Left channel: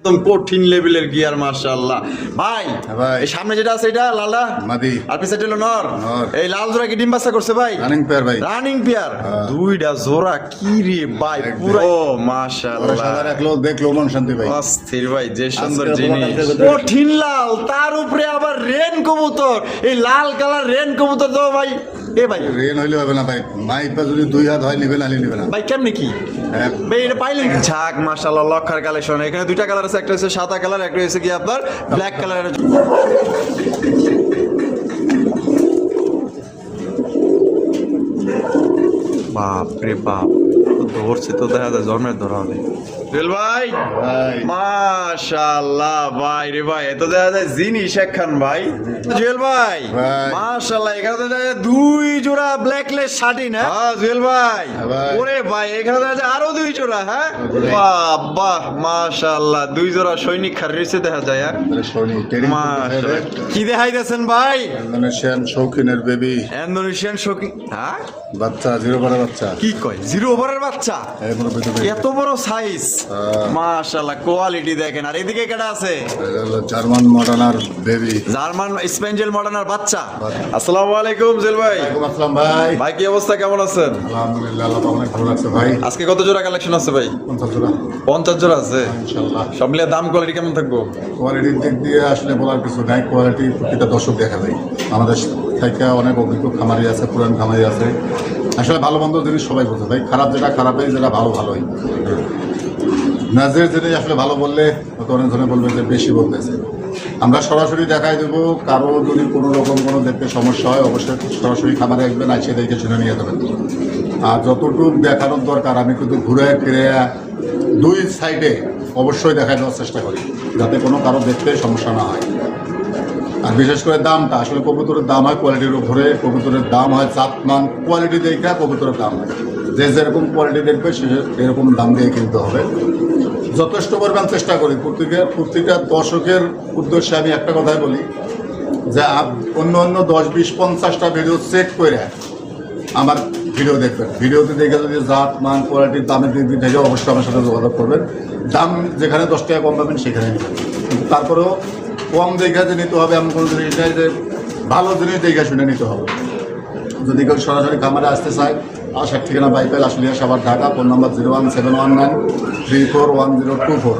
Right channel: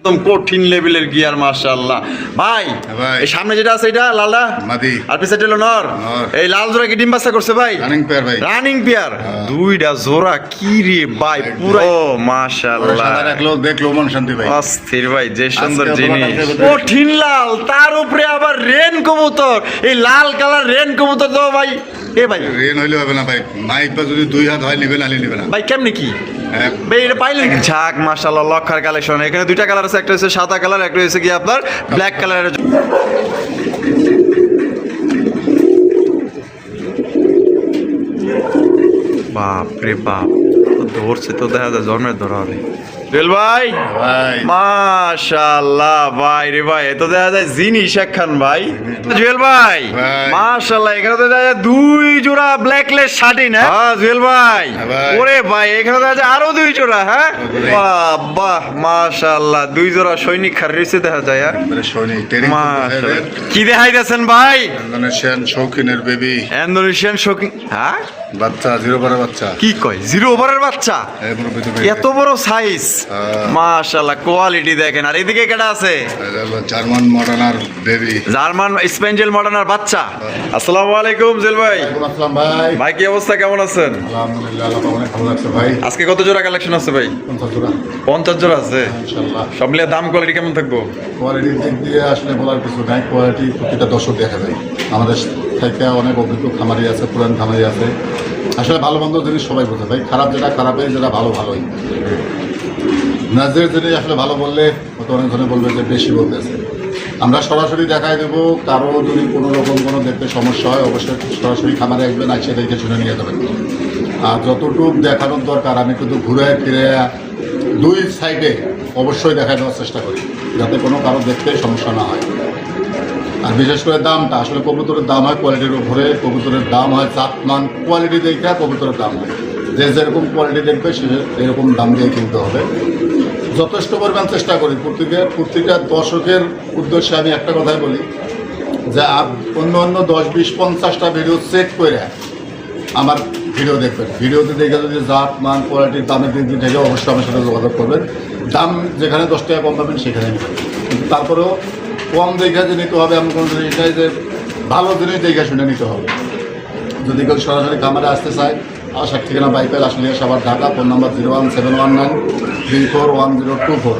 একদম কঠিন লেভেলের গিয়ার মাশাআল্লাহ ভাই। এই সামনে যেটা আছে এটা লালটা মাদি আর পিছনে হলো নর। এই লাল জোড়া কি ডিম বাচ্চা করছে ভাই? রানিং পেয়ার ভাই, রানিং পেয়ার দুইটা জোড়া কি রে ভাই পুরো ও মাশাআল্লাহ। সাদা রাখলো দেখলো মন শান্তি ভাই, অস্থির ভাই যে সুন্দর জিনিস কঠিন লাল তার উপরে আবার রেন কবুতর। এই লাল কালার রেন কবুতর তো ভাই এ ভাই রেন হইলে হবে না ভাই, মাইপা যদি দুই হাত হয় নিবে না নিবে না ভাই কেমনে কি ভাই এটা পাইলেন ঝাক মাশাআল্লাহ লক্ষার কালেকশন। এখানে দুইটা কালার আছে, একটা হচ্ছে সাদা কালার, একটা হচ্ছে কি আপনার ব্ল্যাক কালারের। বাপ রে বাপ তো ধরছে তো দেখা যায় জন্মের ধরা হবে জুয়েল ভাই। ভাই মাশাআল্লাহ ভাই রে ভাই এত দেখা যায় জিনিস একখান ভাই জুয়েল ভাই মাশাআল্লাহ। এখানে তো দেখা যায় দুই জোড়া ব্ল্যাকলেস শার্টি না জুয়েল ভাই? ওরে ভাই এখানে দেখা যায় আরো দুই জোড়া। হ্যাঁ বাহ মাশাআল্লাহ দুই জোড়া সৈনিক খার রয়েছে দেখা যায়। সৈনিক ট্রেনিং কি দেখাইতেছেন ভাই? ইন্দোনেশিয়ান শৌখিনের বেবি, ইন্দোনেশিয়ান শৌখিন। হ্যাঁ বাচ্চা জিরো ওভারের বাচ্চা। কি কয় জিরো ওভারের বাচ্চা? এত বড় সাইজ মাশাআল্লাহ কোয়ালিটি দেখেন। আর এদিকে কেডা আছে? জার্মান মডার্নার বেবি, জার্মান স্পেঞ্জেল মডার্নার বাচ্চা। আসসালামু আলাইকুম জেল ভাই। ওয়ালাইকুম আসসালাম ভাই। ভাই কি অবস্থা, কেমন আছেন? আলহামদুলিল্লাহ আল্লাহ অনেক ভালো লাগছে ভাই। আজকে কত জোড়া কালেকশন আছে ভাই? 50 জোড়া। 50 জোড়া আছে ইনশাআল্লাহ। সব মিলিয়ে দাম কোয়ালিটি কেমন থাকবো? কোয়ালিটির দিক দিয়ে আসলে বলার কিছু নাই, কোয়ালিটি প্রতিটা দর্শক দেখা যায়। আমাদের থেকে অনেক অভিজ্ঞ খামারি আছে, পুরান খামারি আছে। আসলে ভালো মন্দ জিনিস সবাই বোঝে ভাই, খারাপ যেটা খারাপই, যেটা ভালো ভালোই। নাজের জিনিস আসলে ভালো বললে হয়তো অনেক জনে বলবে যে বেশি বলতেছে। আমরা সরাসরি দেখাই দেবো, কারো যদি কোনো রকম কোনো দেখতে সমস্যা হয় অবশ্যই সরাসরি খামারে আসবেন, আসে দেখে শুনে নিয়ে যাবেন। আর যতটুকু দেখানোর দরকার আমি কিন্তু ঘুরে ফিরে দুই সাইডে অবশ্যই দেখাই দেওয়ার চেষ্টা করি, যাতে কোনো কারো দেখতে সমস্যা না হয়। আর বিশেষ করে দামটা আসলে কবুতরের দাম হয় কোয়ালিটির উপরে, কবুতরের দাম হয় জাতমান কোয়ালিটি দেখে কবুতরের দাম হয়। যে যেরকম কোয়ালিটি দেখবে সে এরকম দাম দিয়ে কিনতে হবে। যথেষ্ট পরিমাণ চেষ্টা করি প্রতিটা দর্শকের উদ্দেশ্যে আমি একটা কথাই বলি যে অন্য অন্য 10, 20, 50টা ভিডিও চেক করে আমার ভিডিও দেখবেন। ভিডিওতে দেখে যদি জাত মান কোয়ালিটির দামের দিক থেকে অবশ্যই আমার সাথে যোগাযোগ করবেন। দাম যেখানে 10 টাকা কম পাবেন সেখানে নেবেন, কিন্তু তারপরেও কম দেখে যে নিতে হবে এমন কোনো জিনিস নেই, যে ভালো জিনিস দেখে শুনে নিতে হবে। যদি কেউ সরাসরি খামারে আসতে চায়, আসার ঠিকানা বাইপেল আশুলিয়া সাভার ঢাকা, ফোন নাম্বার 01719341024,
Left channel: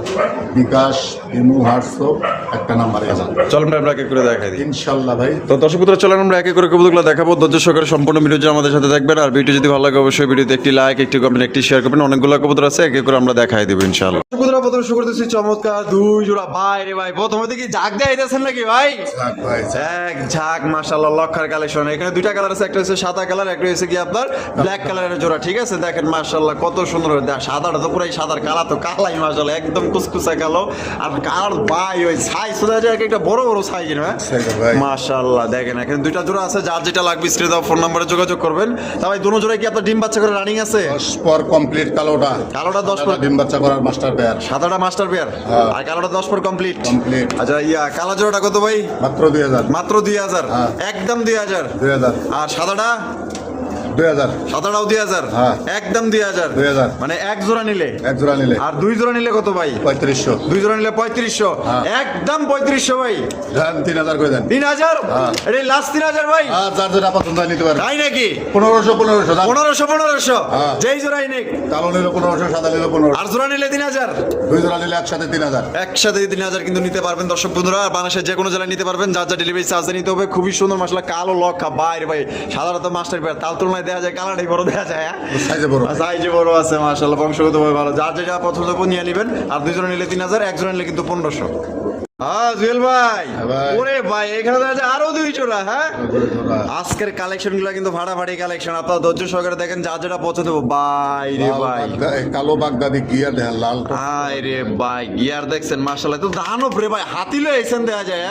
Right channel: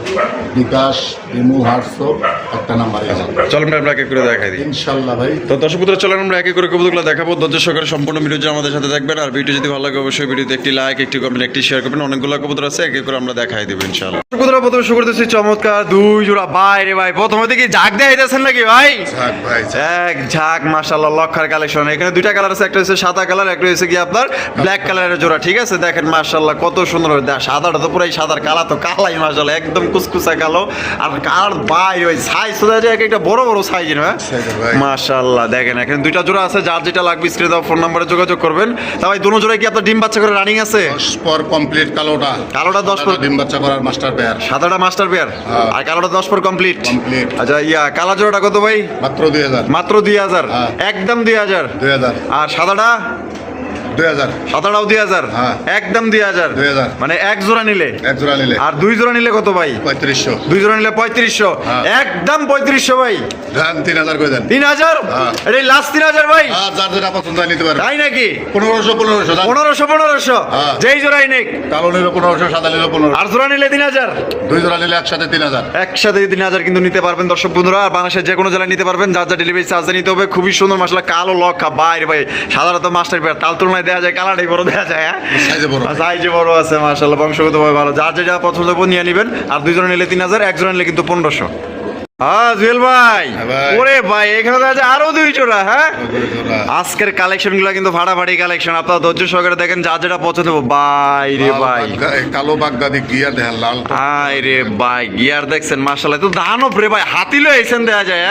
বিকাশ ইমো হোয়াটসঅ্যাপ একটা নাম্বারে যান। চলুন আমরা একে করে দেখাই দিই ইনশাল্লাহ ভাই। তো দর্শক বন্ধুরা চলেন আমরা একে করে কবুতরগুলো দেখাবো। ধৈর্য সহকারে সম্পূর্ণ ভিডিও আমাদের সাথে দেখবেন। আর ভিডিও যদি ভালো লাগে অবশ্যই ভিডিওতে একটি লাইক, একটি কমেন্ট, একটি শেয়ার করবেন। অনেকগুলো কবুতর আছে, একে করে আমরা দেখাই দেবো ইনশাআল্লাহ। কবুতররা প্রথমে শুরু করতেছি চমৎকার দুই জোড়া ভাই রে ভাই। প্রথমে দেখি ঝাঁক দেখাইতেছেন নাকি ভাই? ঝাঁক ভাই, এক ঝাঁক মাশাআল্লাহ লক্ষার কালেকশন। এখানে দুইটা কালার আছে, একটা হচ্ছে সাদা কালার, একটা হচ্ছে কি আপনার ব্ল্যাক কালারের জোড়া। ঠিক আছে দেখেন মাশাআল্লাহ কত সুন্দর। সাদাটা তো পুরাই সাদার, কালা তো কালাই মাশাআল্লাহ একদম কুচকুচা কালো। আর কালার ভাই ওই সাইজ তো এক একটা বড় বড় সাইজ না মাশাআল্লাহ। দেখেন এখানে দুইটা জোড়া আছে, যার যেটা লাগবে স্ক্রিনে দাও ফোন নম্বরে যোগাযোগ করবেন। তা ভাই দুটো জোড়ায় কি আপনার ডিম বাচ্চা করে রানিং আছে? 10 পর কমপ্লিট। কালোটা 10 পর ডিম বাচ্চা করার মাস্টার পেয়ার, সাদাটা মাস্টার পেয়ার, আর কালোটা 10 পর কমপ্লিট। আচ্ছা কালা জোড়াটা কত ভাই? মাত্র 2000। মাত্র 2000, একদম 2000। আর সাদাটা 2000, সাদাটাও 2000, একদম 2000। মানে এক জোড়া নিলে আর দুই জোড়া নিলে কত ভাই? 3500। দুই জোড়া নিলে 3500, একদম 3500 ভাই। 3000 করে দেন। 3000 এই লাস্ট 3000 ভাই। যার যেটা পছন্দ হয় নিতে পারবেন। তাই নাকি? 1500 যেই জোড়াই নিক। কালো নিলে 1500, সাদা নিলে 1500। আর জোড়া নিলে 3000। দুই জোড়া নিলে একসাথে 3000। একসাথে 3000 কিন্তু নিতে পারবেন দর্শক বন্ধুরা। আর বাংলাদেশের যে কোনো জেলায় নিতে পারবেন, যার যা ডেলিভারি চার্জ নিতে হবে। খুবই সুন্দর মাশাআল্লাহ কালো লক্ষা ভাই রে ভাই। সাধারণত মাস্টার পেয়ার তাল তুলনায় দেখা যায় কালাটাই বড় দেখা যায়। সাইজে বড় আছে মাশাআল্লাহ, বংশগত ভাবে ভালো। যার যেটা পছন্দ নিয়ে নেবেন। আর দুই জোড়া নিলে 3000, এক জোড়া নিলে কিন্তু 1500। জুয়েল ভাই ওরে ভাই এখানে আছে আরো দুই জোড়া। হ্যাঁ আজকের কালেকশন গুলা কিন্তু ফাটাফাটি কালেকশন। আপনারা ধৈর্য সহকারে দেখেন, যার যেটা পছন্দ হবে। ভাই রে ভাই কালো বাগদাদি গিয়ার দেখেন, লাল ভাই রে ভাই গিয়ার দেখছেন মাশাআল্লাহ। তো দানব রে ভাই, হাতি লয়ে এসেন দেখা যায়।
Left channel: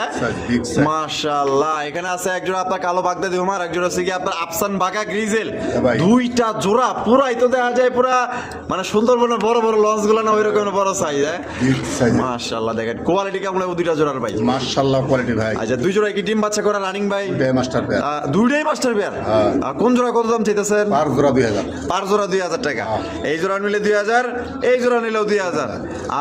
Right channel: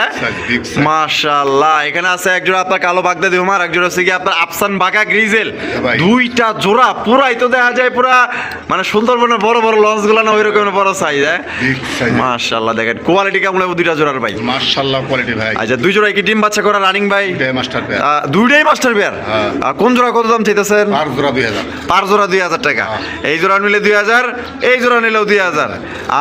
মাশাআল্লাহ এখানে আছে এক জোড়া আপনার কালো বাগদাদি হুমার, এক জোড়া হচ্ছে কি আপনার আফসান বাঁকা গ্রিজেল। দুইটা জোড়া পুরাই তো দেখা যায় পুরা মানে সুন্দরবনের বড় বড় লঞ্চ গুলা না ওই রকমের বড় সাইজ। মাশাআল্লাহ দেখেন কোয়ালিটি কেমন দুইটা জোড়ার ভাই? মাশাআল্লাহ কোয়ালিটি ভাই। আচ্ছা, দুই জোড়ায় কি ডিম বাচ্চা করা রানিং ভাই? দুইটাই মাস্টার পেয়ার। দুইটাই মাস্টার পেয়ার। হ্যাঁ। কোন জোড়া কত দাম চাইতেছেন? পার জোড়া 2000। পার জোড়া 2000 টাকা। হ্যাঁ। এই জোড়া নিলে 2000, এই জোড়া নিলেও 2000।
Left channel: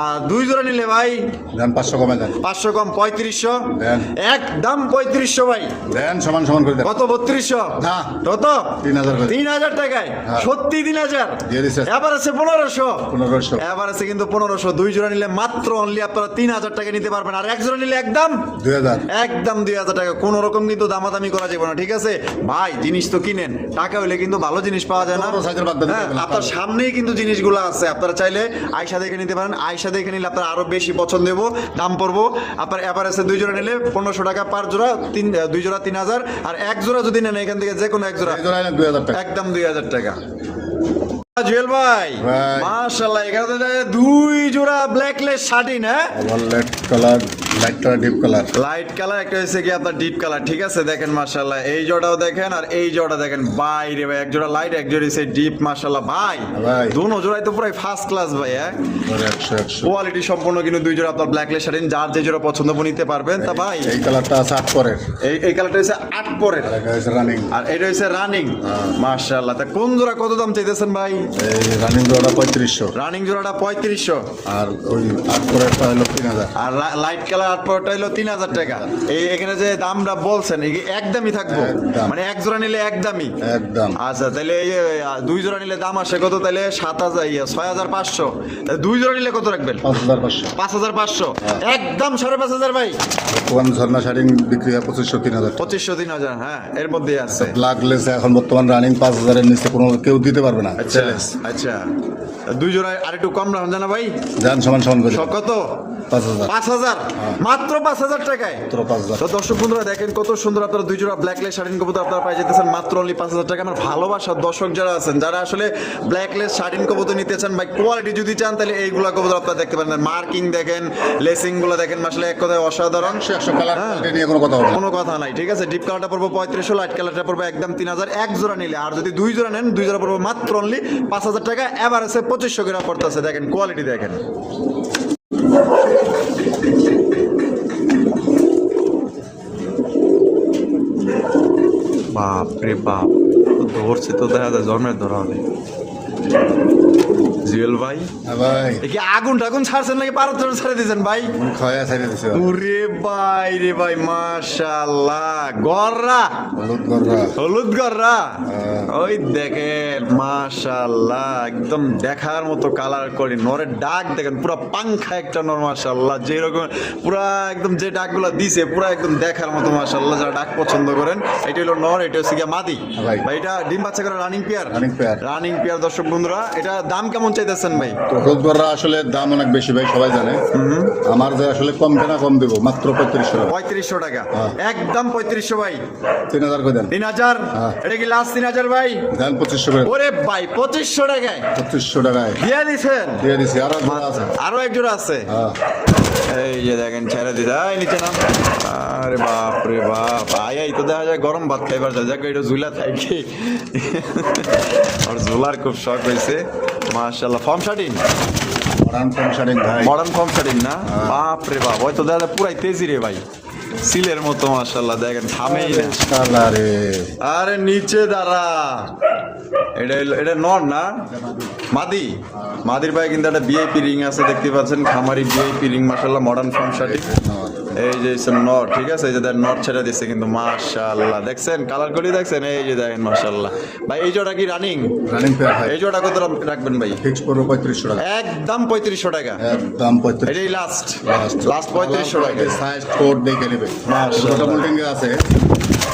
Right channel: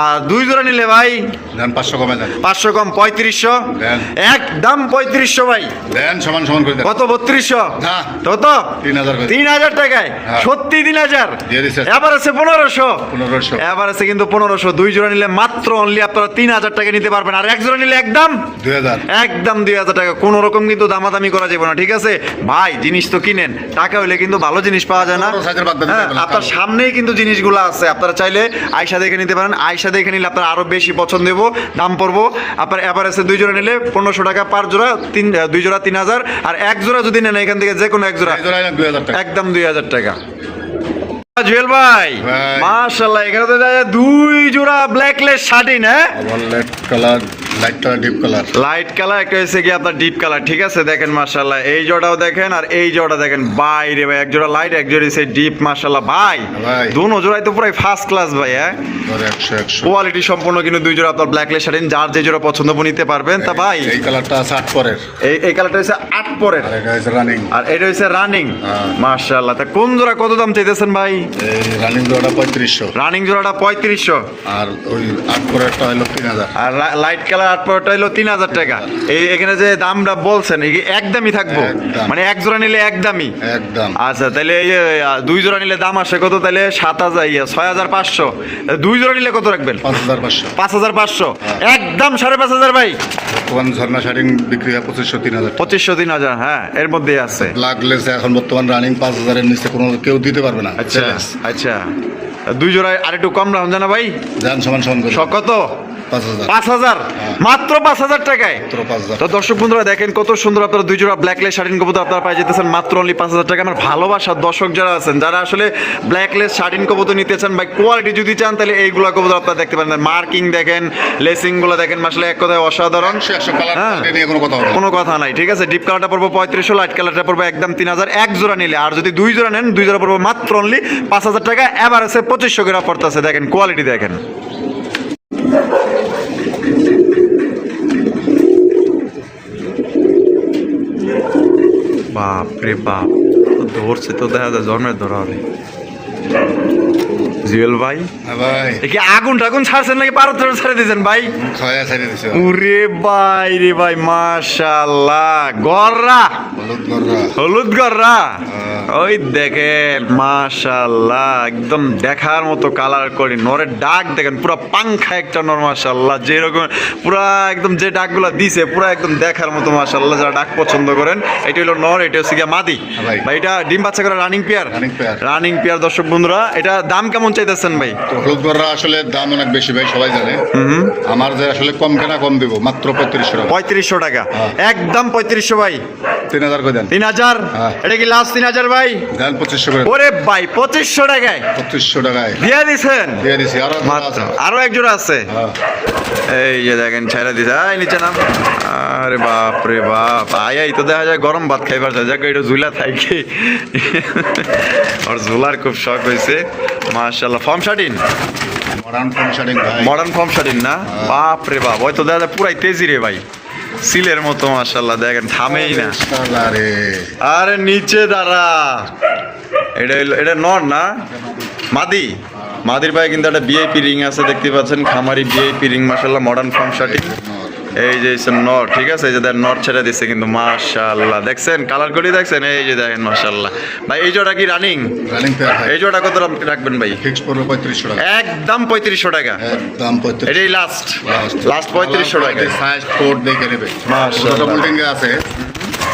আর দুই জোড়া নিলে ভাই দেন 500 কমে দেন। 500 কম 3500। দেন। একদম 3500 ভাই। দেন সমান সমান করে দেন। কত 3200? না। কত? 3000 করে। 3000 টাকায়? হ্যাঁ। সত্যি 3000? দিয়ে দিছে। এবার আছে 1500। 1500। এবার আছে কিন্তু 1500। দুই জোড়া নিলে মাত্র অনলি আপনারা 3000 টাকা নিতে পারবেন। আর এক জোড়া নিলে একদম 2000। একদম 2000 টাকা। কোনো রকম কিন্তু দামাদামি করা যাবে না, ঠিক আছে ভাই? জিনিস তো কিনেন, টাকা হইলে কিন্তু ভালো জিনিস পাওয়া যায় না। বড় সাইজের বাদ দিতে হ্যাঁ, পারবেন না। আপনার সামনেই কিন্তু জিনিসগুলো আছে, আপনারা চাইলে আয়শা দেখে নিতে পারেন। আয়শা দেখে নিলে আপনার আরো বেশি পছন্দ হবো, দাম পড়বো আপনার। এভারেজে দুই জোড়া নিলে 1500 টাকা পার জোড়া, দুই জোড়া 3000। আর এক জোড়া যদি নেন এখান থেকে যে কোনো এক জোড়া এই জোড়া 2000 টাকা। একদম 2000 টাকা। জুয়েল ভাই, ভাই। মাশাআল্লাহ, এখানে তো দেখা যায় দুই জোড়া ব্ল্যাকলেস শার্টিন। হ্যাঁ, আবার light colour, light colour, deep colour. Light colour, একটা হচ্ছে কি আপনার ডিপ কালার, ঠিক আছে? দেখেন মাশাআল্লাহ, এই জোড়াও দেখেন আর এই জোড়া দেখেন। বাইরে ভাই, এক জোড়া লাইট, এক জোড়া হচ্ছে ডিপ। মাশাআল্লাহ ভাই, ভাই। দুনো জোড়াই তো পুরাই ফার্স্ট ক্লাস ভাই। হ্যাঁ, 100 কোয়ালিটি সম্পূর্ণ কিন্তু দুই জোড়া আপনার ব্ল্যাকলেস শার্টিন, যার যে জোড়া পছন্দ নিতে পারবেন। তা ভাই, এই কালারটা আছে 8 পরের। এই কালারটা হচ্ছে 8 পরের, আর এটা হচ্ছে রানিং। আর এটা হচ্ছে রানিং। হ্যাঁ। মাশাআল্লাহ, তা কোন জোড়া কত দাম চাইতেছেন ভাই? এই রানিং জোড়াটা 3500। রানিং জোড়াটা 3500। আর ওই 8 পরেরটা হলো 3000। আর লাইট কালার 8 পরেরটা হলো 3000 টাকা। এই এখানে যে দামটা বলছেন এই একদমই থাকবো, একদম। মানে এক জোড়া নিলে একদমই? একদম। আচ্ছা, তাহলে এই যে, দুই জোড়া নিলে দাম আসে কত? তাহলে 6500। দুই জোড়া নিলে কত রাখবেন? 5500। 5500। একদম 5500 ভাই। বর্তমান ঝর্ণা শাড়ি বিক্রি হয় 2500 3000। 2500 3000, হ্যাঁ, এর মধ্যেই আছে। ব্ল্যাকলেস এখন বর্তমান রানিং 5000 এর নিচে কোনো কেউ দিতে পারবে না। আচ্ছা আচ্ছা, দুই জোড়ায় আর একটু কম রাখুন জানা ভাই। দেন সমান সমান করে। কত? 5000। 5000, মাত্র 5000 টাকায়। মাত্র 5000। তো দর্শক বন্ধুরা দেখেন কত সুন্দর আপনারা দুই জোড়া ব্ল্যাকলেস শার্টিন কবুতর আপনারা পাই যেতেছেন মাত্র অনলি 5000 টাকা। আমার ভালোবাসার দর্শক যারা আছেন, যারা আসলে ব্ল্যাকলেস শার্টিন কবুতর নিতে চান বা কোয়ালিটি যদি চান, তাহলে এইগুলা কবুতর আপনারা দেখতে পারেন। মার্কিং দেখেন, লেসিং গুলো দেখেন, আসলে এক কথায় অসাধারণ। 100 কালার হ্যাঁ। নিয়ে কোনো কথা হবে না। কোনো কথা নাই, ঠিক আছে? ডিপ কালারটা পড়বো 3500, লাইট কালারটা পড়বো একদম 3000 এক জোড়া নিলে। আর যদি দুই জোড়া নেন, দুই জোড়া পড়বো মাত্র অনলি 5000 টাকা। এবার আছে 2500 করে অফার আছে। দেখেন কোয়ালিটি দেখেন। বাপ রে বাপ, তো ধরছে তো দেখা যায় জন্মের ধরা হবে। জুয়েল ভাই, হ্যাঁ ভাই। এ কি আগুন টাগুন ছাড়ছেন নাকি পারত ছেড়ে দিয়েছেন ভাই? খয়া ছাইড়ে দিছে। ওরে ভাই রে ভাই, মাশাআল্লাহ, গররা হলুদ গররা। হলুদ গররা, হ্যাঁ। ওই দেখেন মাশাআল্লাহ, একদম দেখার মতো কালার করে। নরের ডাক দেখেন, পুরো পাংখা একটা নর, মাশাআল্লাহ, যেরকম পুরা একদম যে ডাকগুলা দিছে পুরা একদম দেখার মতো, মাশাআল্লাহ। যারা ডাক পছন্দ করেন, এটা হলো নর, এটা হচ্ছে গিয়া মাদি ভাই। ভাই। এটা ডিম বাচ্চা করে running pair. Running pair. Running pair. দর্শক বন্ধুরা, এটা দাম কেমন চাইতেছেন ভাই? তো হলুদ গররা আসলে দাম অনেক বেশি ভাই, সবাই জানে। আমার যে আসলে কম কেনা কম দেবো, মাত্র 3500 টাকা। 3500 টাকা, হ্যাঁ। একদম 3500 ভাই। 3000 করে দেন। 3000, হ্যাঁ। এটা কি লাস্ট 3000 ভাই? দেন 2500 করে। ওরে ভাই, 2500 টাকায় 2500 টাকায় দিয়ে দিছেন? দিয়ে দিছি। আর আছে। আরো এক জোড়া আছে। হ্যাঁ। এই যে দেখেন, ছেড়ে দিছে। এই নিচে নাম। আরে বাপ রে বাপ, আই তো দেখা যায় গরম ভাত খাইবার যায়, যাকে এটা ঝুলা থাকি। ওর ঝুলার খুব শখ হয়েছে, মাশাআল্লাহ। ফর্ম শার্টিন, মডার্ন ফর্ম শাড়ি ভাই। মডার্ন ফর্ম শার্টিন না? বাপ রে বাপ, হয়তো দেখা যায় পুরাই তেজি রে ভাই, সিলের মতো, মাশাআল্লাহ। দেখেন থামেই না। আরে আরে নিচে দাঁড়া, এটা নর না মাদি? মাদির পায়ে কিন্তু একটা ভিআইপি রিং আছে, দেখতে পাচ্ছেন, খামারি ভিআইপি রিং, মাশাআল্লাহ। মডার্ন ফার্ম শার্টিং, এই যে নর, ঠিক আছে? এই যে দেখেন নর ছেড়ে দিচ্ছে কিন্তু, মাশাআল্লাহ। দেখছেন কালার করি, দেখছেন? এই যে দেখেন, মাশাআল্লাহ ভাই। এই জোড়া কি রানিং? রানিং পেয়ার ভাই। এই জোড়া কত রাখবেন ভাই? ফিক্স পড়বে 3500 টাকা। একদম 3500 টাকা, একদম 3500। এটাই লাস্ট 3500 টাকা। সাইজ কোড দেখে নেবে। মাশাআল্লাহ। ওটা মোল্ডিং এ আছে।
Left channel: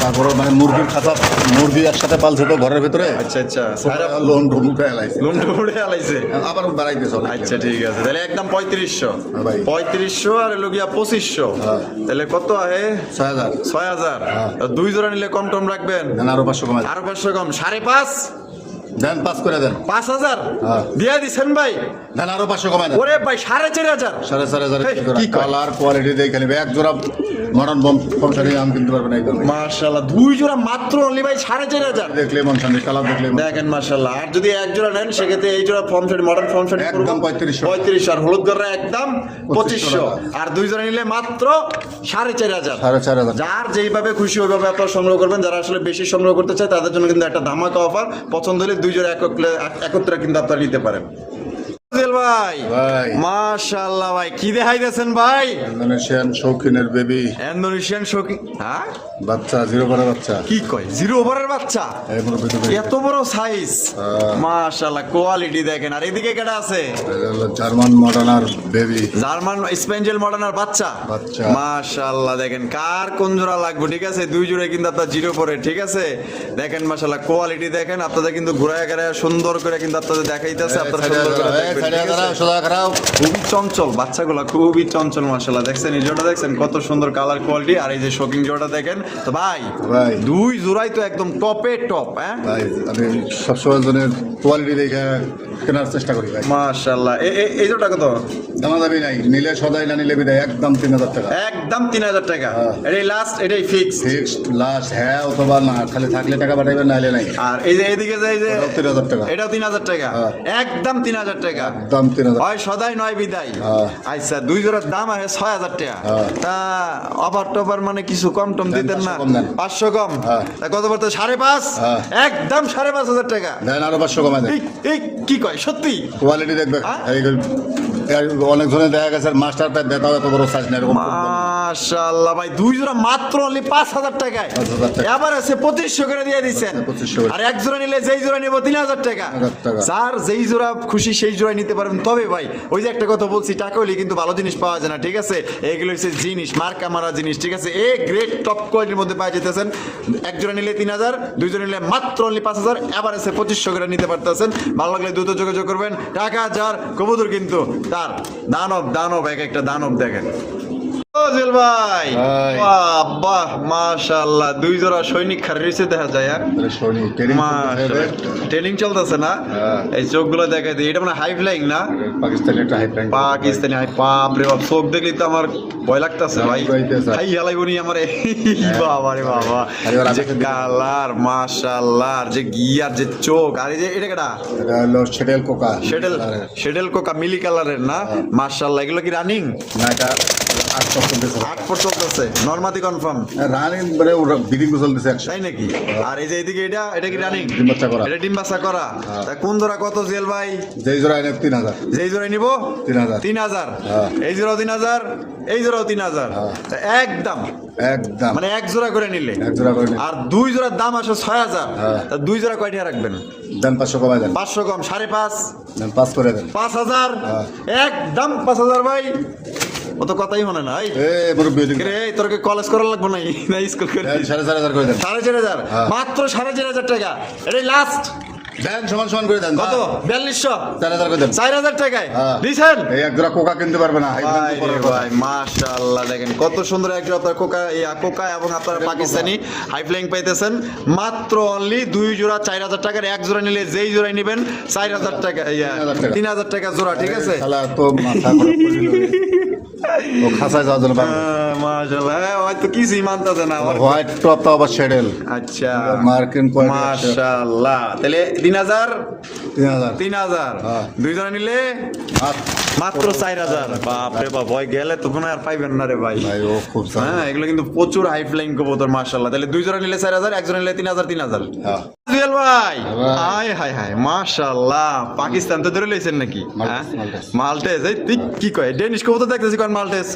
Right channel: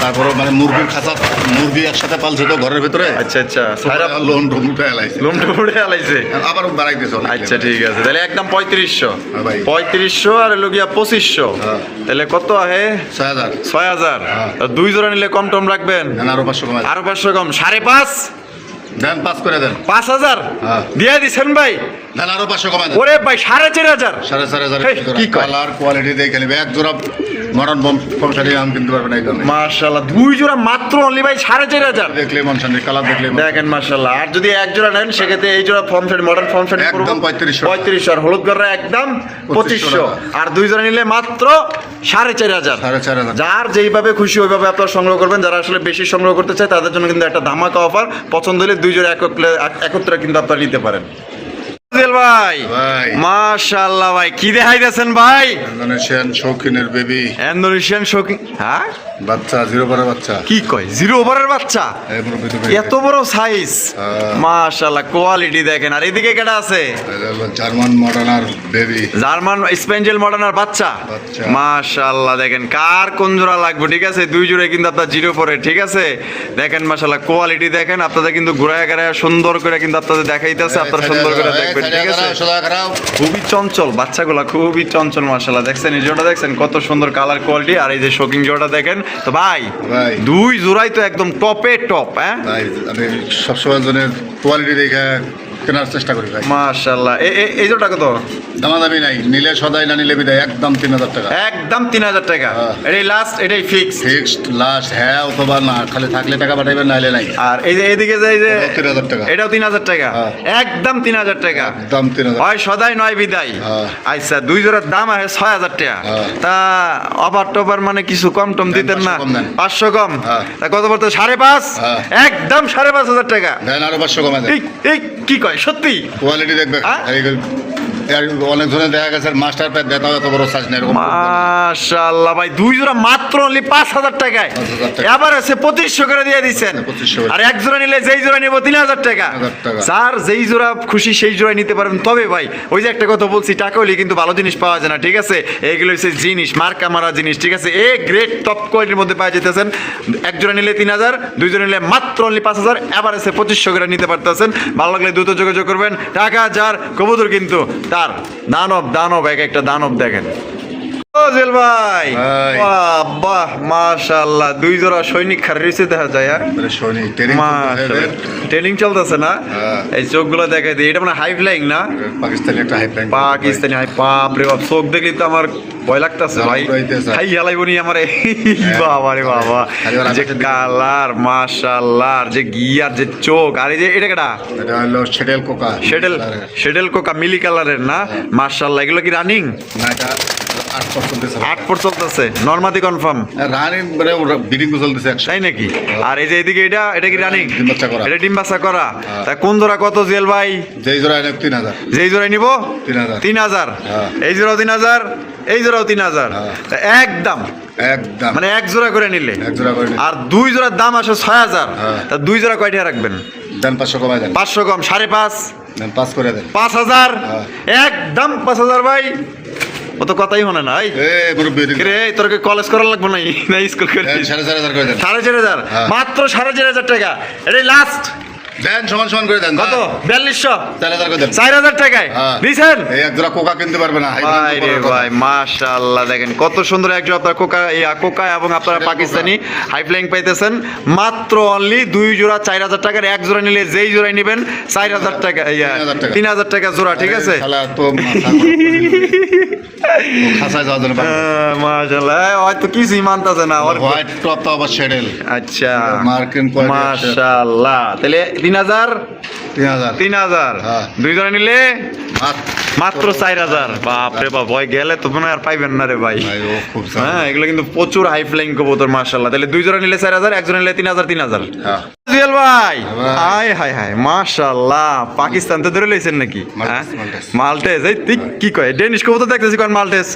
তারপরে মানে মুরগির খাঁচা, মুরগি একসাথে পালছে তো ঘরের ভিতরে। আচ্ছা আচ্ছা, সারা লোন ঢুমুটে এলাইছে। লুমটা উড়ে আলাইছে। আবার বাড়াইতেছে অনেক। আচ্ছা ঠিক আছে, তাহলে একদম 3500। হ্যাঁ ভাই। 3500 আর হলো গিয়া 2500, হ্যাঁ। তাহলে কত আহে? 6000। 6000। হ্যাঁ। দুই জোড়া নিলে কম টম রাখবেন? দেন আরো 500 কমাই। আরো 500 কম, 5.5। দেন 5 করে দেন। 5000 হ্যাঁ। দিয়ে দিছেন ভাই? দেন আরো 500 কমাই দেন। ওরে ভাই, 4500। 4500 কি কয়? কালার কোয়ালিটি দেখে নেবে। এক জোড়া মডার্ন বংশালী আম কিনতে পারবেন এই দামে। মাশাআল্লাহ, দুই জোড়া মাত্র অনলি ভাই 4,500। দেখলে মনসানি কালার দেখলে দেখেন মাশাআল্লাহ। আর যদি এক জোড়া নেন সেক্ষেত্রে এই জোড়া form fade modern form fade একদম 3500 3500, আর হলুদ গররা একদম 2500, আর দুই জোড়া নিলে মাত্র 4,500। 4,500 যার যেইভাবে খুশি ওইভাবে আপনারা সংগ্রহ করবেন। যারা আসলে বেশি সংগ্রহ করতে চায় তাদের জন্য কিন্তু একটা ধামাকা অফার। পছন্দ হলে দুই জোড়া একত্রে কিন্তু আপনারা নিতে পারেন। ভাই ভাই মাশাআল্লাহ ভাই, কি দেখাইতেছেন ভাই? ইন্দোনেশিয়ান শৌখিনের বেবি, ইন্দোনেশিয়ান শৌখিন, হ্যাঁ বাচ্চা জিরো পারা বাচ্চা। কি কয়, 0 ওভারের বাচ্চা, এই মুরব্বি তো বেবি। এত বড় সাইজ, মাশাআল্লাহ কোয়ালিটি দেখেন। আর এদিকে কেডা আছে? এটা হলো জার্মান মডার্নার বেবি, জার্মান স্পেঞ্জেল মডার্নার বাচ্চা। মাশাআল্লাহ দেখেন, কার কোন জোড়া লাগবে, ঠিক আছে? দুই জোড়া কিন্তু আপনার 0 পরে, ঠিক আছে? দেখেন মাশাআল্লাহ কোয়ালিটি দেখেন। আপনাদের কিন্তু ঘুরায় ঘুরায় সুন্দর করে কিন্তু আপনাদের দেখাইতেছে, আপনারা সুন্দর করে দেখবেন, ঠিক আছে? খুবই চঞ্চল বাচ্চাগুলা, খুবই চঞ্চল মাশাআল্লাহ। দেখছেন এই জোড়া, দেখছেন কত সুন্দর কালার কোয়ালিটি। আর এই যে শোকিং জোড়া দেখেন তো ভাই, দুই জোড়াই তো একদম টপে টপ। হ্যাঁ ভাই, আমি সবসময় জনের কোয়ালিটি দেখে কেনার চেষ্টা করি ভাই। মাশাআল্লাহ। এই জোড়া কত? দামাদামি নাই, নিলে সদাই, না নিলে বিদায়, একদম 3,000 টাকা। একদম 3,000 টাকা। এটাই লাস্ট, এটাই ফিক্স, ফিক্সড লাস্ট। হ্যাঁ অথবা না, খালি থাকলে টাকা পাঠাইবেন, নাইলে নাই। আর এই যে এইদিকে যে 3,000 টাকা, এটাও 3,000 টাকা। একদম 3,000 টাকা, একদম 3,000। হয় সদাই নয় বিদায়। আচ্ছা, দুই জোড়ার দাম আছে 6,000 টাকা। তা অফার টপার মানে কিছু কম টম দিতেন না? 500 কম। তা কত পড়তো? 5,500। একদম 5,500 টাকা। দেন আরো 500 কমা দেন। এই কি কয়, সত্যি? কোয়ালিটি দেখবে। অনেক জনের দেখা গেছে মাস্টার প্যাড দেখাও এত বড় সাইজ না, এরকম। মাশাআল্লাহ ভাই, দুই জোড়া মাত্র অনলি 5,000 টাকায়। এবার আছে 2500 করে দিয়ে দিচ্ছেন। আর এক জোড়া নিলে যেই জোড়া নিব 3,000 টাকা। স্যার যেই জোড়া খুশি সেই জোড়া নিতে পারবেন। তবে ভাই ওই যে একটা কথা বলছি, টাকা হলে কিন্তু ভালো জিনিস পাওয়া যায় না, ঠিক আছে? এইগুলো হচ্ছে জিনিস, মার্কা মারা জিনিস, ঠিক আছে? এ গ্রেড টপ কোয়ালিটির মধ্যে পাওয়া যেতেছেন। এক জোড়া নিলে 3,000, দুই জোড়া নিলে মাত্র অনলি 5,000। এবার আছে 2500 করে নিতে পারতেছেন। ভালো লাগলে দ্রুত যোগাযোগ করবেন। টাকা যার, কবুতর কিন্তু তার। দানব এক একটা দানব দেখেন। জেল ভাই, বাহ মাশাআল্লাহ, দুই জোড়া সৈনিক খারিছে দেখা যায়। সৈনিক ট্রেনিং চলতেছে না? এই চোখগুলো দেখাই দিই, এটা মানে হাই ফ্লাইং না? পাকিস্তানি একটা হাই ফ্লাইং, পাকিস্তানি হাই। বাপ রে বাপ, চোখ দেখলি তো আমার ভয় লাগতেছে ভাই। হাই হালাই বনি আমারে, বাবা রে বাবা, যে কালার মাশাআল্লাহ, আর যে গিয়ার, যে চোখ। আর এই যে এটা কেডা? এটা হলো শেডেল কোকা। শেডেল কোকা মিলি কালারের না? মাশাআল্লাহ। এগুলো কি রানিং? না, এটা 8 চলতেছে। নরমাদি কনফার্ম রানিং, মানে বিডিং চলতেছে 100। তাই নাকি? আর এই যে এদিকে এটা কি রানিং? ডিম বাচ্চা করা। এটা ডিম বাচ্চা করা। তা কোন জোড়া কত জেল ভাই? যেই জোড়া এনে 3,000। যেই জোড়া নিব 3,000। এই জোড়াও 3,000, এই জোড়াও 3,000। একদম মানে এক জোড়া করে নিলে। আর দুই জোড়ার দাম আসে 6,000। তা দুই জোড়া কয়টা রাখবেন? দেন 500 কমাই দেন। 500 কম, 5,500 দেন, 5 করে দেন। 5,000, একদম 5,000 ভাই। ও তো কথাই হনে না। রে তোর কলেজ করা লাগবে না স্কুল করে? 4,500 করে দেন। 4,500, মাত্র 4,500 টাকা। এটাই লাস্ট। দেন সমান করে দেন। কত? 4200। 4,000 করে দেন। 4,000 টাকায় দিছেন। এই এক জোড়া কোকা কিনতে পারবে না। ভাই মাশাআল্লাহ, দেখেন কত সুন্দর এক জোড়া আপনার কোকা এবং আপনার পাকিস্তানি হাই ফ্লাইং পাইতেছেন। মাত্র অনলি দুই জোড়া 4,000 টাকার। এক জোড়া নিলে যেই জোড়াই নেবেন 4,000 টাকা, 3,000 টাকা জোড়া, ঠিক আছে? মাশাআল্লাহ, হয়তো কিছুই মানতেছে না। হোয়াইট টপ তো আবার শেডেল। আচ্ছা, মার্কিন কোয়ালিটি। মাশাআল্লাহ। তাহলে 3,000 দুই জনে নিলে মাত্র 4,000। বাপ রে বাপ, ভয় গেলে তো মনে আর পাইবেন না রে ভাই। হ্যাঁ, এগুলো কিন্তু প্রচুর হাই ফ্লাইং কবুতর মাশাআল্লাহ। তাহলে দুই জনে নিলে 4,000, এক জনে নিলে 3,000। জুয়েল ভাই, হাই হাই হাই মাশাআল্লাহ, পাকিস্তান তো ধরে লইছেন নাকি? মাল্টেস। এই কি কয়, ডেনিশ কবুতর দেখতেছি কোন মাল্টেস?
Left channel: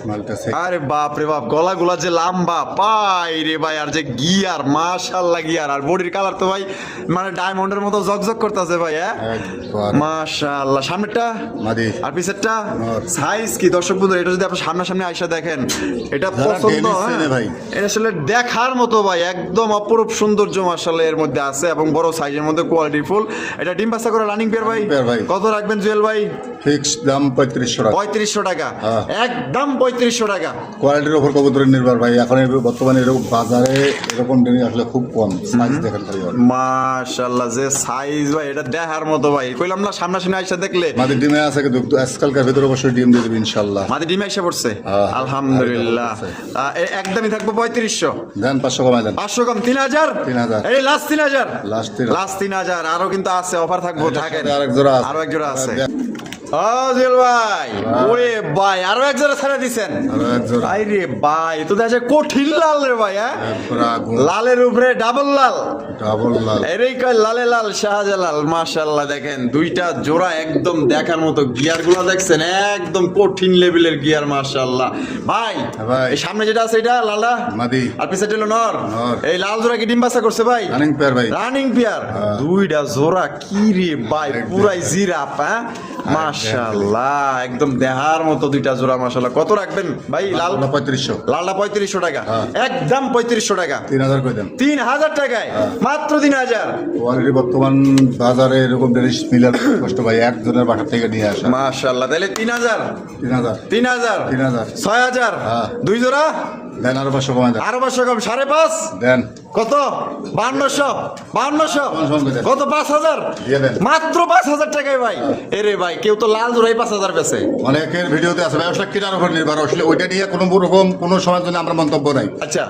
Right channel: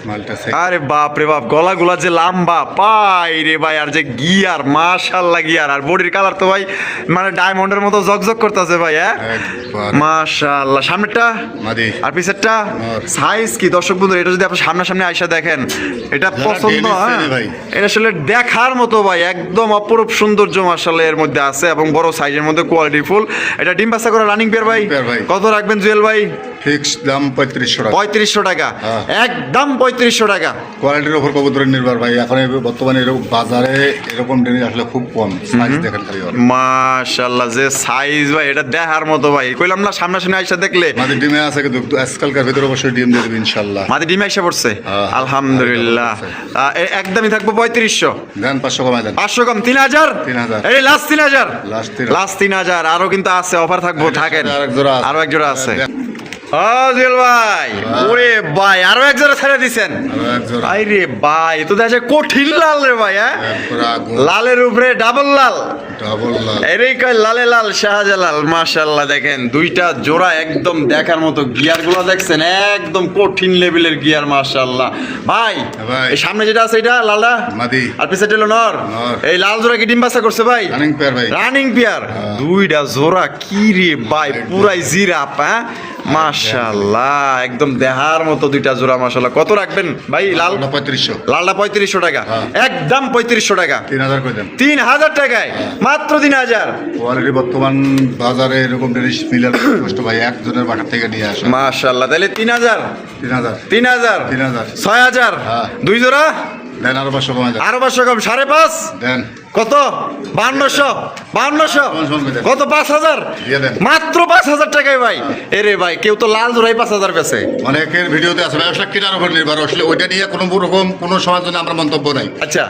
আরে বাপ রে বাপ, গলাগুলা যে লম্বা, পাই রে ভাই, আর যে গিয়ার মাশাআল্লাহ গিয়ার, আর বডির কালার তো ভাই মানে ডায়মন্ডের মতো জকজক করতেছে ভাই। হ্যাঁ মাশাআল্লাহ। সামনেরটা আর পিছেরটা সাইজ কি দর্শক বন্ধু? এটা যদি আপনি সামনাসামনি আইসা দেখেন, এটা পছন্দ। এটা আসলে দেখার মতো ভাই, একদম অপরূপ সৌন্দর্য মাশাআল্লাহ এর মধ্যে আছে, এবং বড় সাইজের মধ্যে কোয়ালিটি ফুল। এটা ডিম বাচ্চা করে রানিং পেয়ার ভাই। কত রাখবেন জুয়েল ভাই? ফিক্সড দাম 3500 টাকা। 3500 টাকা, একদম 3500 টাকা। কোয়ালিটির উপর কবুতরের নির্ভর ভাই। এখন বর্তমানে এরকম বাজারে এরকম ডেনিশ আসলে খুব কম। সাইজ দেখেন খালি মাশাআল্লাহ, যে সাইজ ভাই, এটা দেখার মতো ভাই। কইলাম না সামনাসামনি আইসা দেখলে। মাদি ডিমে আছে কিন্তু আজকালকার কালকের ভিতরে অবশ্যই ডিম দিয়ে দেবে ইনশাল্লাহ। মাদি ডিম এসে পড়ছে হ্যাঁ, আলহামদুলিল্লাহ। একদমই থাকবো 3500। দেন 500 কমাই দেন। 500 কম 3000। 3000 এই লাস্ট 3000। লাস্ট 3000 আরো কিন্তু আছে, অফার থাকবো, থাকেন। আরেক জোড়া আছে। আরো এক জোড়া আছে। দেন। জুয়েল ভাই, ওরে ভাই আরো এক জোড়া ছেড়ে দিছেন আরেক জোড়া। ভাই রে ভাই, তো দেখা কঠিন লাল রে ভাই। হ্যাঁ, পুরা আগুন। লালের উপরে ডাবল লাল, ডাবল লাল। এরই কয় লালে লাল শাহজালাল। মাশাআল্লাহ, দেখেন দুইটা জোড়া একদম দেখার মতো। গিয়ার গুলো দেখছেন একদম কঠিন লেভেলের গিয়ার। মাশাআল্লাহ ভাই, ভাই। এই সামনে যেটা আছে এটা লালটা মাদি। আর পিছে হলো নর। নর। এই লাল জোড়া কি ডিম বাচ্চা করছে ভাই? রানিং পেয়ার ভাই। রানিং পেয়ার দুইটা জোড়া কি রে ভাই, পুরাই জিরাফ। হ্যাঁ মাশাআল্লাহ, একদম দেহার মতো দুইটা জোড়া। মাশাআল্লাহ, কত রাখবেন ভাই? লাল 3500। লালটা 3500 টাকা, হ্যাঁ। একদম 3500 টাকা। 3000 করে দেন। 3000 টাকায় মাত্র 3000। কোয়ালিটি বর্তমান বাজারে এরকম ডেনিশ মিলার কষ্ট ভাই, একজনের বাসা থেকে নিয়ে আসা। মাশাআল্লাহ, তাহলে 3000 3000 3000 3000 6000 হ্যাঁ। দুই জোড়া। দেন আরো 500 কমাই দেন। আরো 500 কম 5.5। দেন কত? 5200 কত? 5000 দিয়ে দেন। মাত্র 5000 টাকায় ভাই। এরে ভাই, কেউ তো লাল জোড়াই 5000 পেছে। অনেকের ভিডিওতে আছে ব্যবসা কেনার উপর নির্ভর, আসলে ওইটা নিয়ে কোনো রকম কোনো সময়ের জন্য আমরা মন্তব্য নাই। আচ্ছা